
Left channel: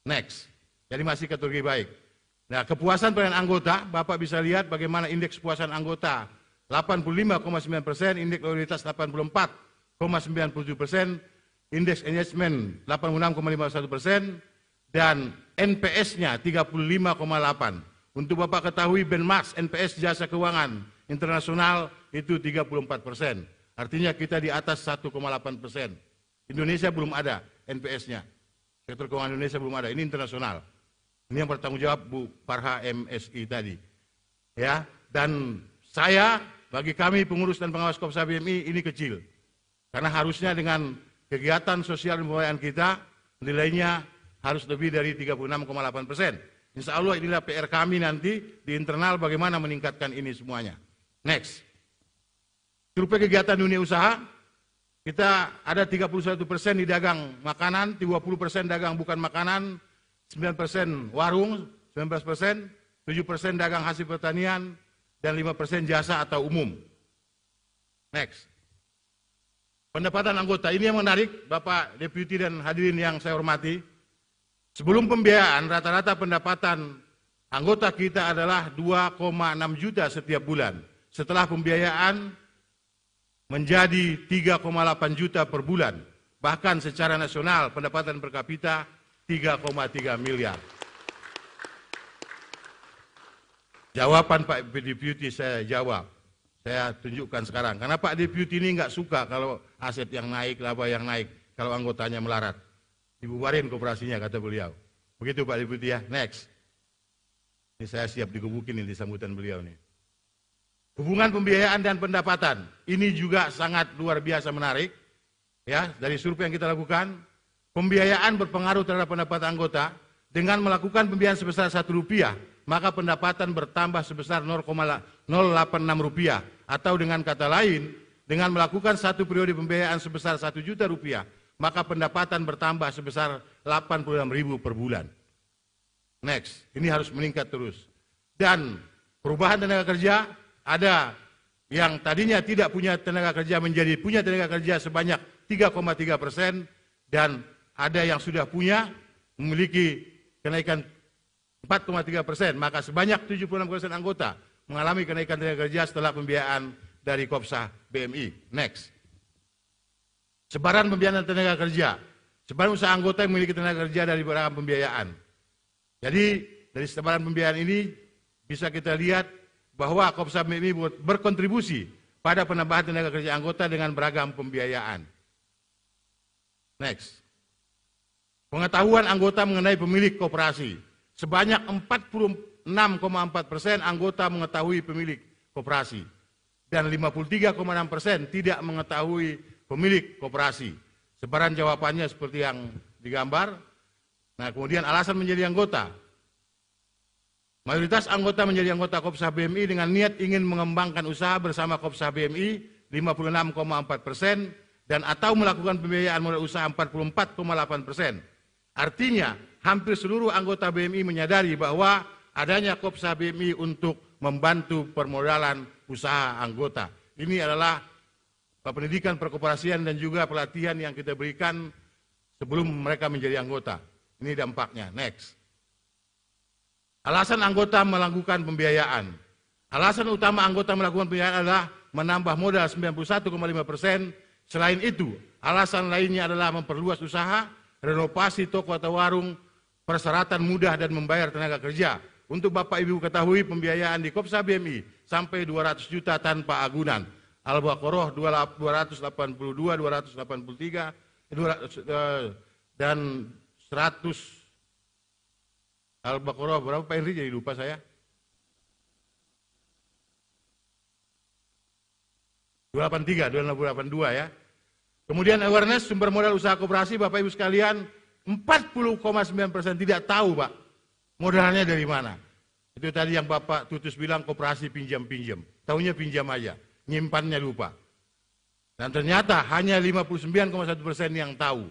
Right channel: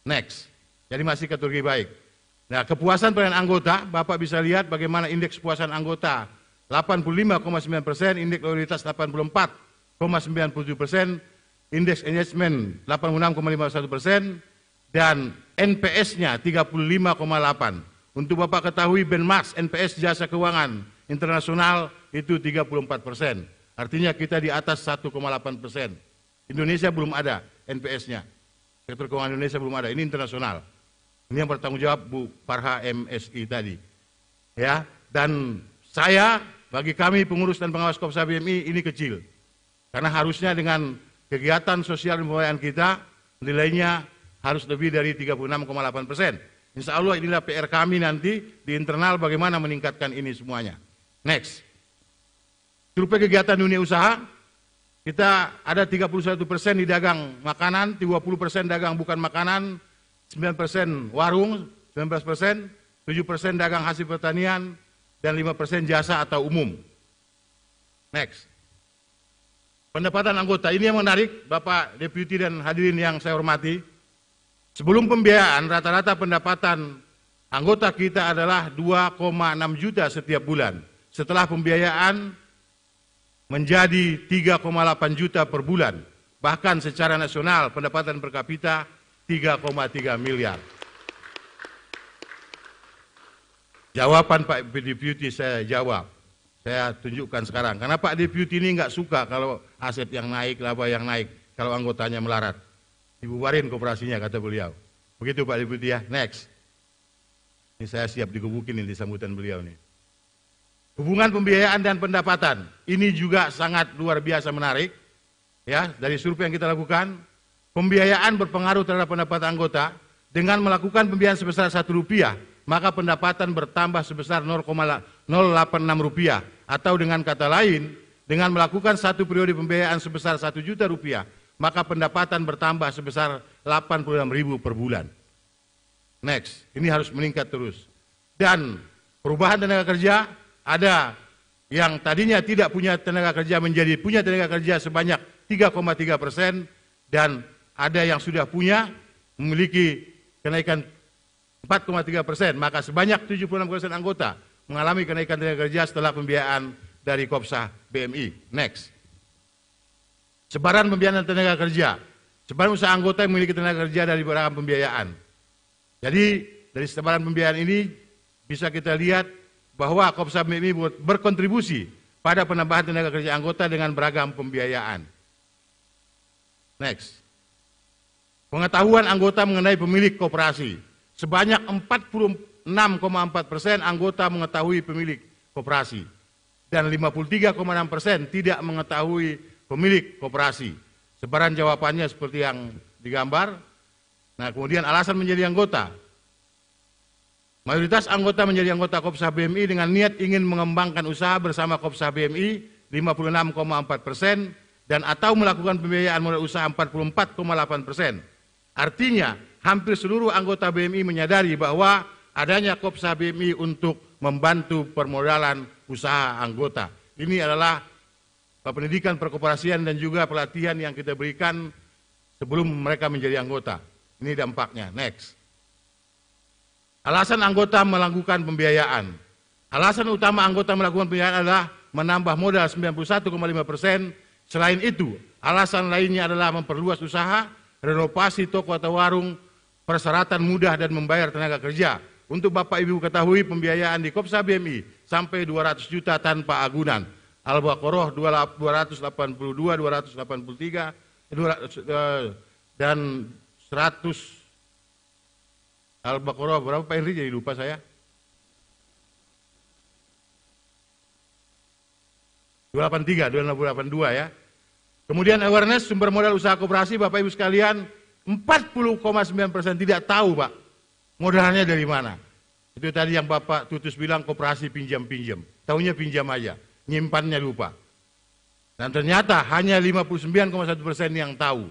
Next. Jadi masih kategori baik. Nah, kepuasan pelayanan anggota, Bapak bisa lihat bagaimana indeks kepuasan anggota 85,9%, indeks loyalitas 84,97%, indeks engagement 86,51%, dan NPS-nya 35,8. Untuk Bapak ketahui benchmark NPS jasa keuangan internasional itu 34%. Artinya kita di atas 1,8%. Indonesia belum ada NPS-nya. Sektor keuangan Indonesia belum ada. Ini internasional. Ini yang bertanggung jawab Bu Farha MSI tadi. Ya, dan saya bagi kami pengurus dan pengawas Kopsa BMI ini kecil. Karena harusnya dengan kegiatan sosial dan pembiayaan kita nilainya harus lebih dari 36,8%. Insya Allah inilah PR kami nanti di internal bagaimana meningkatkan ini semuanya. Next. Survei kegiatan dunia usaha, kita ada 31% di dagang makanan, 20% dagang bukan makanan, 9% warung, 19%, 7% dagang hasil pertanian, dan 5% jasa atau umum. Next. Pendapatan anggota, ini yang menarik, Bapak Deputi dan hadirin yang saya hormati. Sebelum pembiayaan, rata-rata pendapatan anggota kita adalah 2,6 juta setiap bulan. Setelah pembiayaan, menjadi 3,8 juta per bulan. Bahkan secara nasional pendapatan per kapita 3,3 miliar. Jawaban Pak Deputi saya jawab. Saya tunjukkan sekarang. Karena Pak Deputi ini nggak suka kalau aset yang naik, laba yang naik. Kalau anggotanya melarat. Dibubarin koperasinya kata beliau. Begitu Pak Deputi ya. Next. Ini saya siap digebukin ini di sambutan beliau nih. Hubungan pembiayaan dan pendapatan, ini juga sangat luar biasa menarik. Ya, dari survei yang kita lakukan, pembiayaan berpengaruh terhadap pendapatan anggota. Dengan melakukan pembiayaan sebesar Rp1, maka pendapatan bertambah sebesar Rp0,086. Atau dengan kata lain, dengan melakukan satu periode pembiayaan sebesar Rp1 juta, maka pendapatan bertambah sebesar Rp86.000 per bulan. Next, ini harus meningkat terus. Dan perubahan tenaga kerja, ada yang tadinya tidak punya tenaga kerja menjadi punya tenaga kerja sebanyak 3,3%, dan ada yang sudah punya memiliki kenaikan 4,3%, maka sebanyak 76% anggota mengalami kenaikan tenaga kerja setelah pembiayaan dari Kopsa BMI. Next. Sebaran pembiayaan tenaga kerja. Sebaran usaha anggota yang memiliki tenaga kerja dari beragam pembiayaan. Jadi dari sebaran pembiayaan ini bisa kita lihat bahwa Kopsa BMI berkontribusi pada penambahan tenaga kerja anggota dengan beragam pembiayaan. Next. Pengetahuan anggota mengenai pemilik koperasi. Sebanyak 46,4% anggota mengetahui pemilik koperasi. Dan 53,6% tidak mengetahui pemilik koperasi. Sebaran jawabannya seperti yang digambar. Nah, kemudian alasan menjadi anggota. Mayoritas anggota menjadi anggota Kopsa BMI dengan niat ingin mengembangkan usaha bersama Kopsa BMI 56,4% dan atau melakukan pembiayaan modal usaha 44,8%. Artinya hampir seluruh anggota BMI menyadari bahwa adanya Kopsa BMI untuk membantu permodalan usaha anggota. Ini adalah pendidikan perkoperasian dan juga pelatihan yang kita berikan sebelum mereka menjadi anggota. Ini dampaknya. Next. Alasan anggota melakukan pembiayaan. Alasan utama anggota melakukan pembiayaan adalah menambah modal 91,5%. Selain itu, alasan lainnya adalah memperluas usaha, renovasi toko atau warung, persyaratan mudah dan membayar tenaga kerja. Untuk Bapak Ibu ketahui pembiayaan di Kopsa BMI sampai 200 juta tanpa agunan. Al-Baqarah 282, 283, dan 100. Al-Baqarah berapa Pak Henry, jadi lupa saya. 283, 282 ya. Kemudian awareness sumber modal usaha koperasi, Bapak Ibu sekalian, 40,9% tidak tahu Pak, modalnya dari mana. Itu tadi yang Bapak Tutus bilang koperasi pinjam-pinjam. Taunya pinjam aja, nyimpannya lupa. Dan ternyata hanya 59,1% yang tahu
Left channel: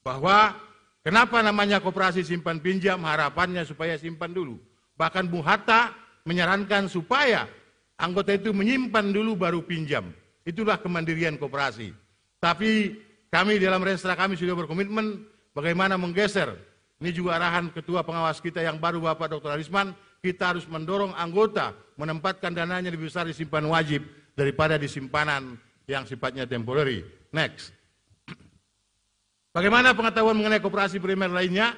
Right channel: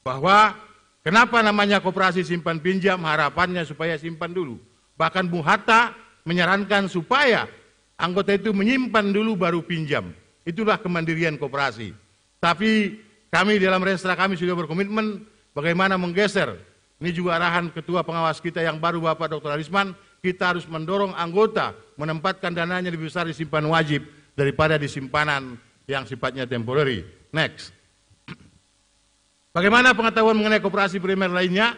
bahwa kenapa namanya koperasi simpan pinjam, harapannya supaya simpan dulu. Bahkan Bung Hatta menyarankan supaya anggota itu menyimpan dulu baru pinjam. Itulah kemandirian koperasi. Tapi kami dalam Renstra kami sudah berkomitmen bagaimana menggeser. Ini juga arahan ketua pengawas kita yang baru Bapak Dr. Arisman, kita harus mendorong anggota menempatkan dananya lebih besar di simpan wajib daripada di simpanan yang sifatnya temporary. Next. Bagaimana pengetahuan mengenai koperasi primer lainnya?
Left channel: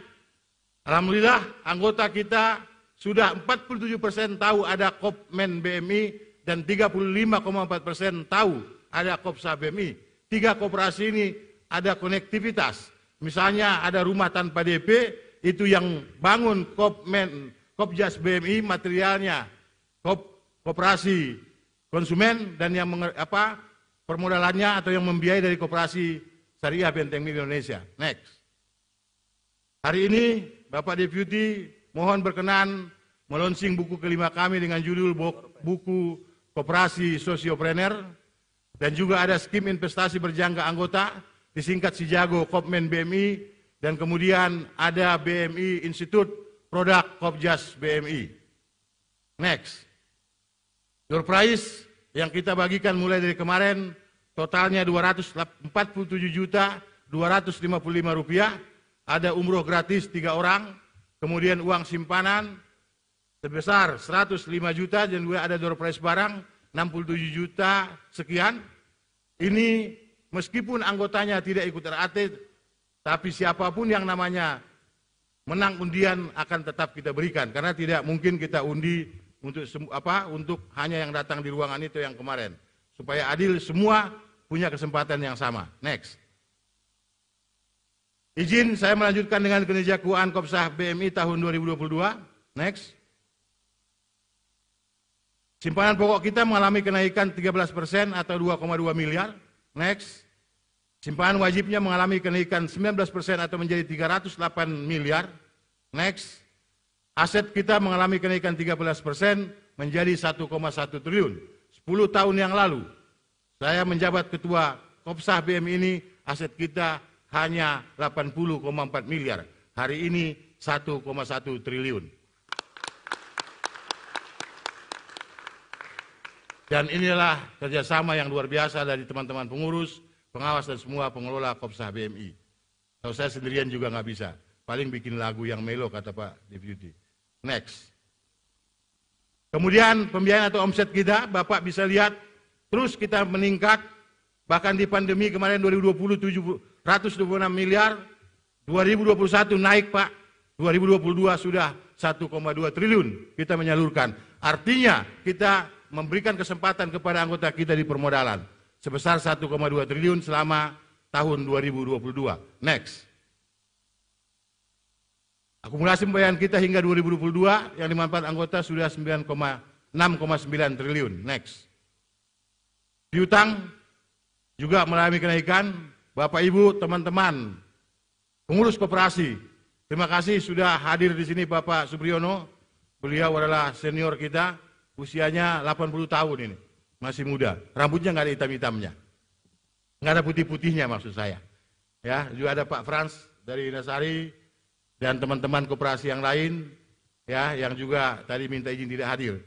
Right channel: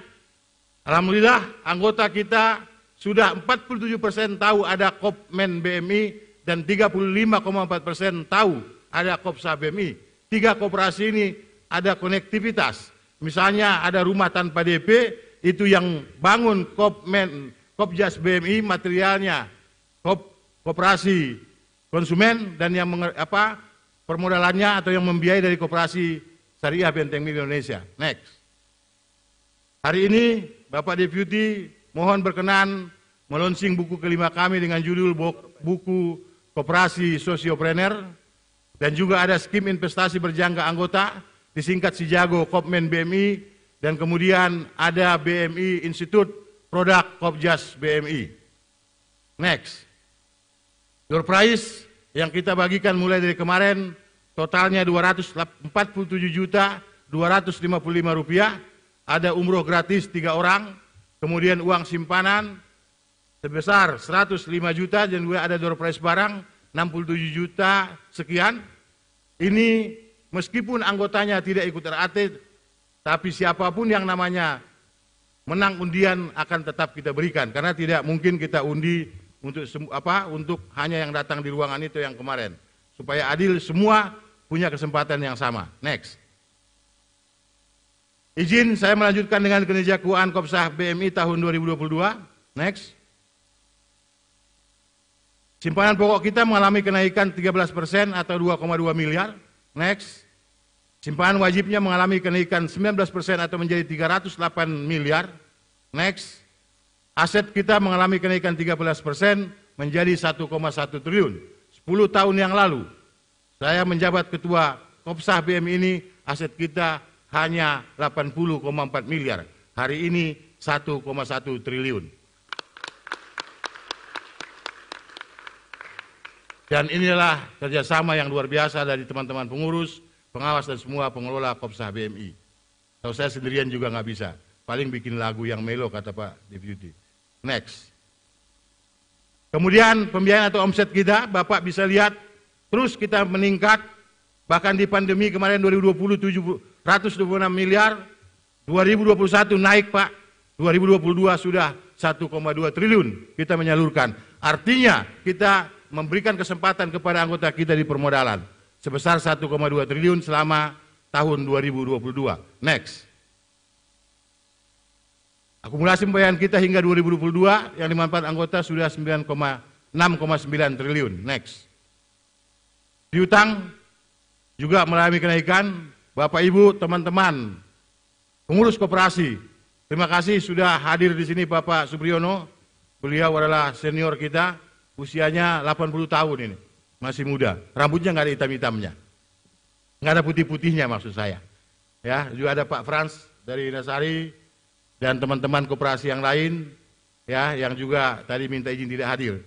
Alhamdulillah anggota kita sudah 47% tahu ada Kopmen BMI dan 35,4% tahu ada Kopsa BMI. 3 koperasi ini ada konektivitas. Misalnya ada rumah tanpa DP, itu yang bangun Kopjas BMI materialnya koperasi konsumen dan yang permodalannya atau yang membiayai dari koperasi Syariah Benteng Milik Indonesia. Next. Hari ini Bapak Deputi mohon berkenan melonsing buku kelima kami dengan judul buku Koperasi Sosiopreneur. Dan juga ada skim investasi berjangka anggota, disingkat Sijago Kopmen BMI, dan kemudian ada BMI Institute Produk Kopjas BMI. Next. Door prize yang kita bagikan mulai dari kemarin, totalnya 247.255.000 rupiah, ada umroh gratis 3 orang, kemudian uang simpanan sebesar 105 juta, dan juga ada door prize barang 67 juta sekian. Ini meskipun anggotanya tidak ikut RAT, tapi siapapun yang namanya menang undian akan tetap kita berikan, karena tidak mungkin kita undi untuk hanya yang datang di ruangan itu yang kemarin, supaya adil semua punya kesempatan yang sama. Next. Izin saya melanjutkan dengan kinerja keuangan Kopsah BMI tahun 2022. Next. Simpanan pokok kita mengalami kenaikan 13% atau 2,2 miliar. Next. Simpanan wajibnya mengalami kenaikan 19% atau menjadi 308 miliar. Next. Aset kita mengalami kenaikan 13% menjadi 1,1 triliun. 10 tahun yang lalu, saya menjabat ketua Kopsah BMI ini, aset kita hanya 80,4 miliar. Hari ini 1,1 triliun. Dan inilah kerjasama yang luar biasa dari teman-teman pengurus, pengawas dan semua pengelola Kopsah BMI. Kalau saya sendirian juga nggak bisa, paling bikin lagu yang melo kata Pak Deputi. Next. Kemudian pembiayaan atau omset kita, Bapak bisa lihat terus kita meningkat. Bahkan di pandemi kemarin 2020 126 miliar, 2021 naik Pak, 2022 sudah 1,2 triliun kita menyalurkan. Artinya kita memberikan kesempatan kepada anggota kita di permodalan sebesar 1,2 triliun selama tahun 2022. Next. Akumulasi pembayaran kita hingga 2022 yang dimanfaatkan anggota sudah 6,9 triliun. Next. Piutang juga mengalami kenaikan. Bapak Ibu, teman-teman, pengurus koperasi, terima kasih sudah hadir di sini Bapak Supriyono. Beliau adalah senior kita, usianya 80 tahun ini, masih muda. Rambutnya nggak ada hitam-hitamnya, nggak ada putih-putihnya maksud saya. Ya, juga ada Pak Frans dari Nasari dan teman-teman koperasi yang lain, ya, yang juga tadi minta izin tidak hadir.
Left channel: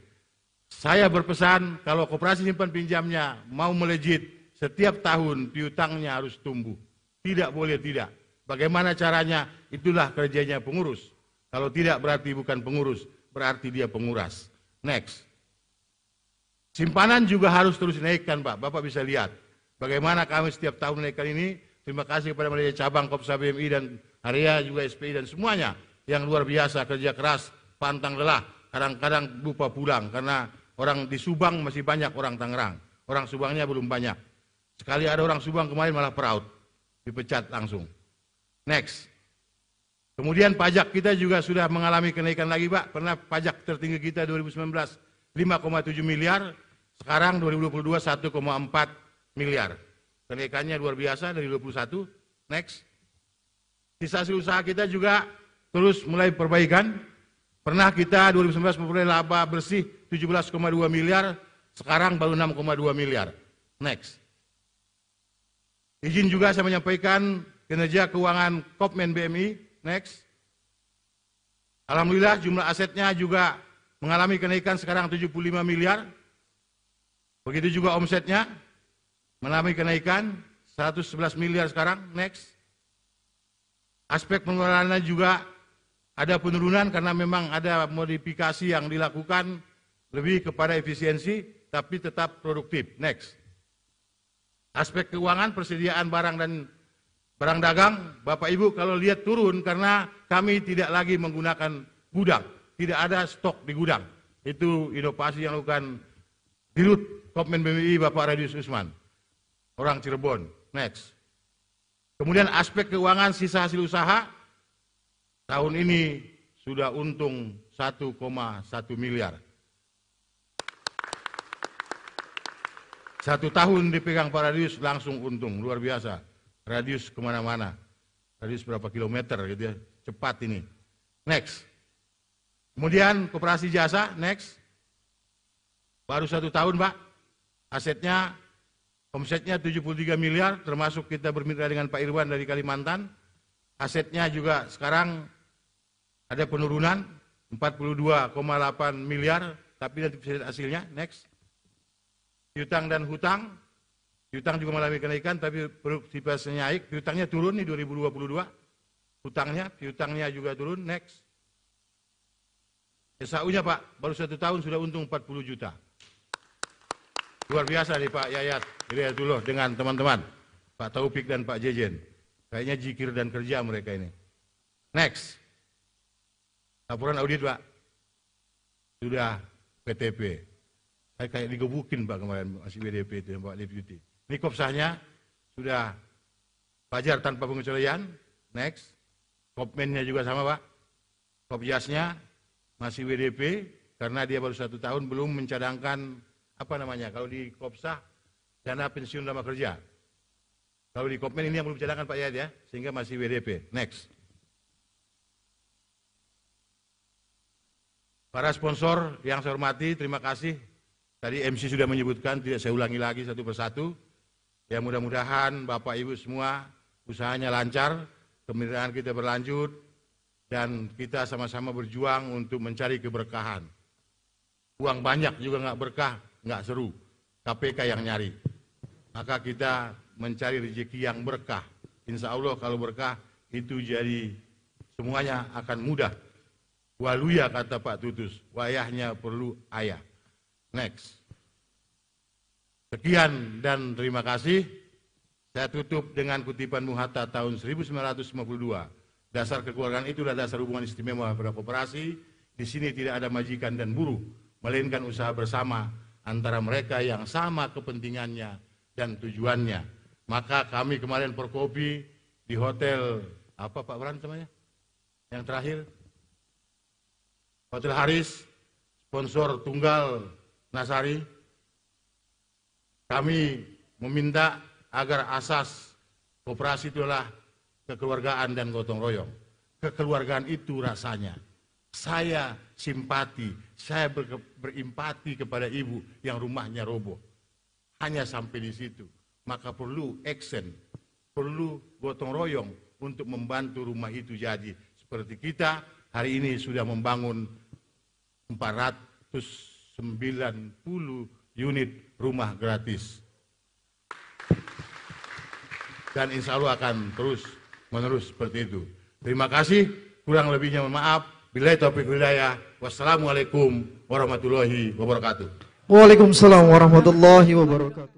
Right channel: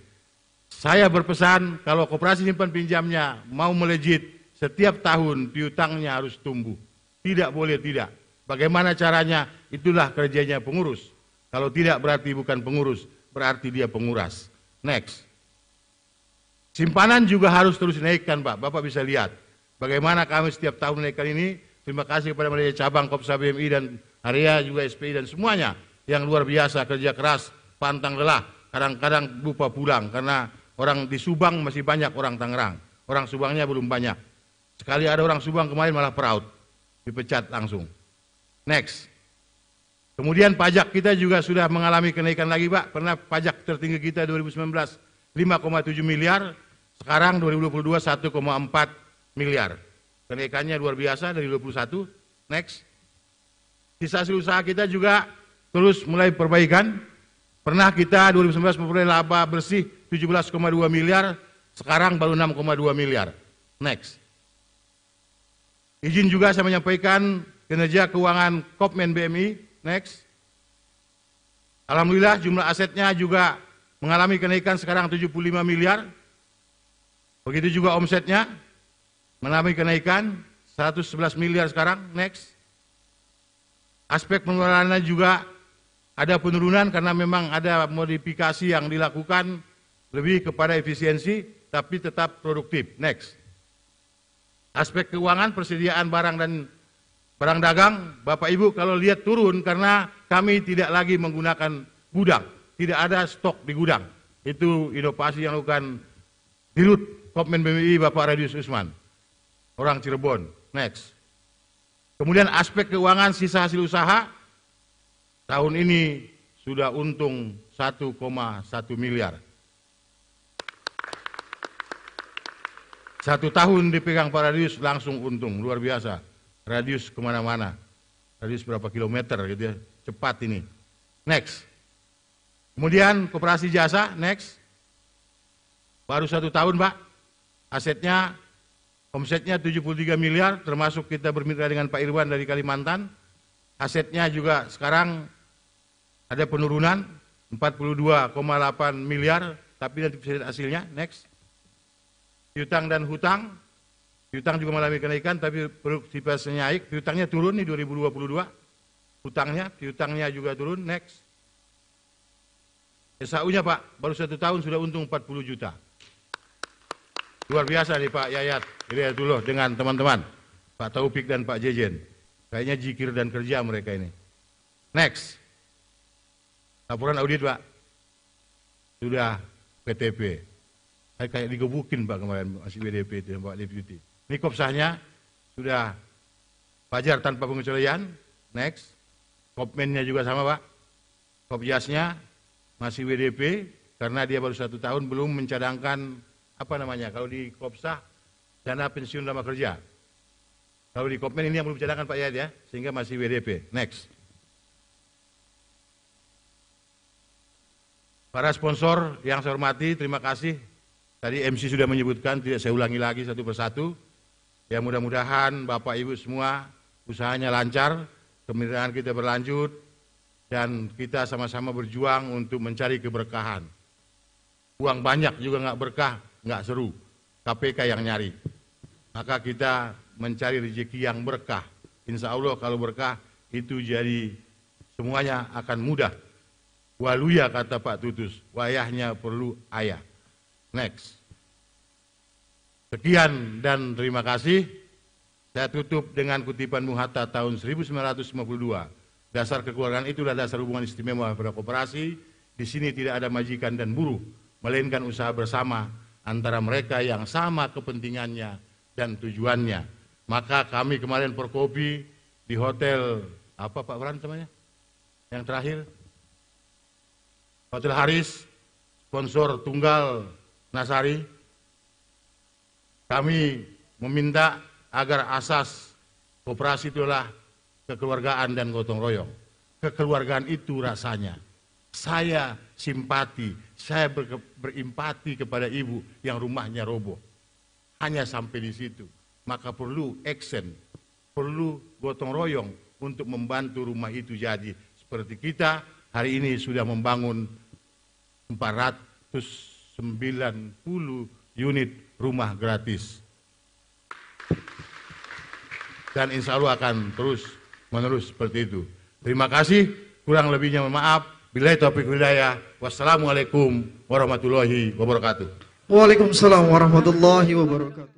Saya berpesan kalau koperasi simpan pinjamnya mau melejit, setiap tahun piutangnya harus tumbuh. Tidak boleh tidak. Bagaimana caranya? Itulah kerjanya pengurus. Kalau tidak berarti bukan pengurus, berarti dia penguras. Next. Simpanan juga harus terus dinaikkan Pak. Bapak bisa lihat bagaimana kami setiap tahun menaikkan ini. Terima kasih kepada manajer cabang Kopsah BMI dan Haria juga SPI dan semuanya yang luar biasa, kerja keras, pantang lelah. Kadang-kadang lupa pulang karena orang di Subang masih banyak orang Tangerang. Orang Subangnya belum banyak. Sekali ada orang Subang kemarin malah proud, dipecat langsung. Next. Kemudian pajak kita juga sudah mengalami kenaikan lagi Pak. Pernah pajak tertinggi kita 2019 5,7 miliar, sekarang 2022 1,4 miliar. Kenaikannya luar biasa dari 21. Next. Sisa hasil usaha kita juga terus mulai perbaikan. Pernah kita 2019 memperoleh laba bersih 17,2 miliar, sekarang baru 6,2 miliar. Next. Izin juga saya menyampaikan kinerja keuangan Kopmen BMI. Next. Alhamdulillah jumlah asetnya juga mengalami kenaikan sekarang 75 miliar. Begitu juga omsetnya mengalami kenaikan 111 miliar sekarang. Next. Aspek pengelolaan juga ada penurunan karena memang ada modifikasi yang dilakukan lebih kepada efisiensi tapi tetap produktif. Next. Aspek keuangan, persediaan barang dan barang dagang, Bapak Ibu kalau lihat turun karena kami tidak lagi menggunakan gudang, tidak ada stok di gudang. Itu inovasi yang dilakukan Dirut Kopmen BMI Bapak Radius Usman, orang Cirebon. Next. Kemudian aspek keuangan sisa hasil usaha, tahun ini sudah untung 1,1 miliar. 1 tahun dipegang Pak Radius langsung untung, luar biasa. Radius kemana-mana, radius berapa kilometer gitu ya, cepat ini. Next. Kemudian koperasi jasa, next. Baru 1 tahun Pak, asetnya, omsetnya 73 miliar, termasuk kita bermitra dengan Pak Irwan dari Kalimantan. Asetnya juga sekarang ada penurunan 42,8 miliar, tapi nanti bisa lihat hasilnya. Next. Piutang dan hutang, piutang juga mengalami kenaikan, tapi produktivitasnya naik. Piutangnya turun nih 2022, piutangnya juga turun. Next. SAU-nya Pak, baru 1 tahun sudah untung 40 juta. Luar biasa nih Pak Yayat, lihat dulu dengan teman-teman, Pak Taufik dan Pak Jejen. Kayaknya jikir dan kerja mereka ini. Next. Laporan audit Pak, sudah PTP. Saya kayak digebukin Pak kemarin, masih WDP itu Pak Deputi. Ini kopsahnya sudah wajar tanpa pengecualian. Next. Kopmennya juga sama Pak. Kopjasnya masih WDP karena dia baru 1 tahun belum mencadangkan apa namanya kalau di kopsah dana pensiun lama kerja. Kalau di Kopmen ini yang belum mencadangkan Pak Yayat ya, sehingga masih WDP. Next. Para sponsor yang saya hormati, terima kasih. Tadi MC sudah menyebutkan, tidak saya ulangi lagi satu persatu. Ya mudah-mudahan Bapak Ibu semua usahanya lancar, kemitraan kita berlanjut, dan kita sama-sama berjuang untuk mencari keberkahan. Uang banyak juga nggak berkah, nggak seru. KPK yang nyari. Maka kita mencari rezeki yang berkah. Insya Allah kalau berkah itu jadi semuanya akan mudah. Waluya kata Pak Tutus, wayahnya perlu ayah. Next. Sekian dan terima kasih. Saya tutup dengan kutipan Bung Hatta tahun 1952. Dasar kekeluargaan itulah dasar hubungan istimewa pada koperasi. Di sini tidak ada majikan dan buruh, melainkan usaha bersama antara mereka yang sama kepentingannya dan tujuannya. Maka kami kemarin Forkopi di hotel apa Pak Bran namanya? Yang terakhir Hotel Haris, sponsor tunggal Nasari, kami meminta agar asas koperasi itulah kekeluargaan dan gotong royong. Kekeluargaan itu rasanya saya simpati, saya berimpati kepada ibu yang rumahnya roboh. Hanya sampai di situ. Maka perlu action, perlu gotong royong untuk membantu rumah itu jadi. Seperti kita hari ini sudah membangun 490 unit rumah gratis. Dan insya Allah akan terus menerus seperti itu. Terima kasih, kurang lebihnya mohon maaf. Billahi taufiq hidayah. Wassalamualaikum warahmatullahi wabarakatuh. Waalaikumsalam warahmatullahi wabarakatuh.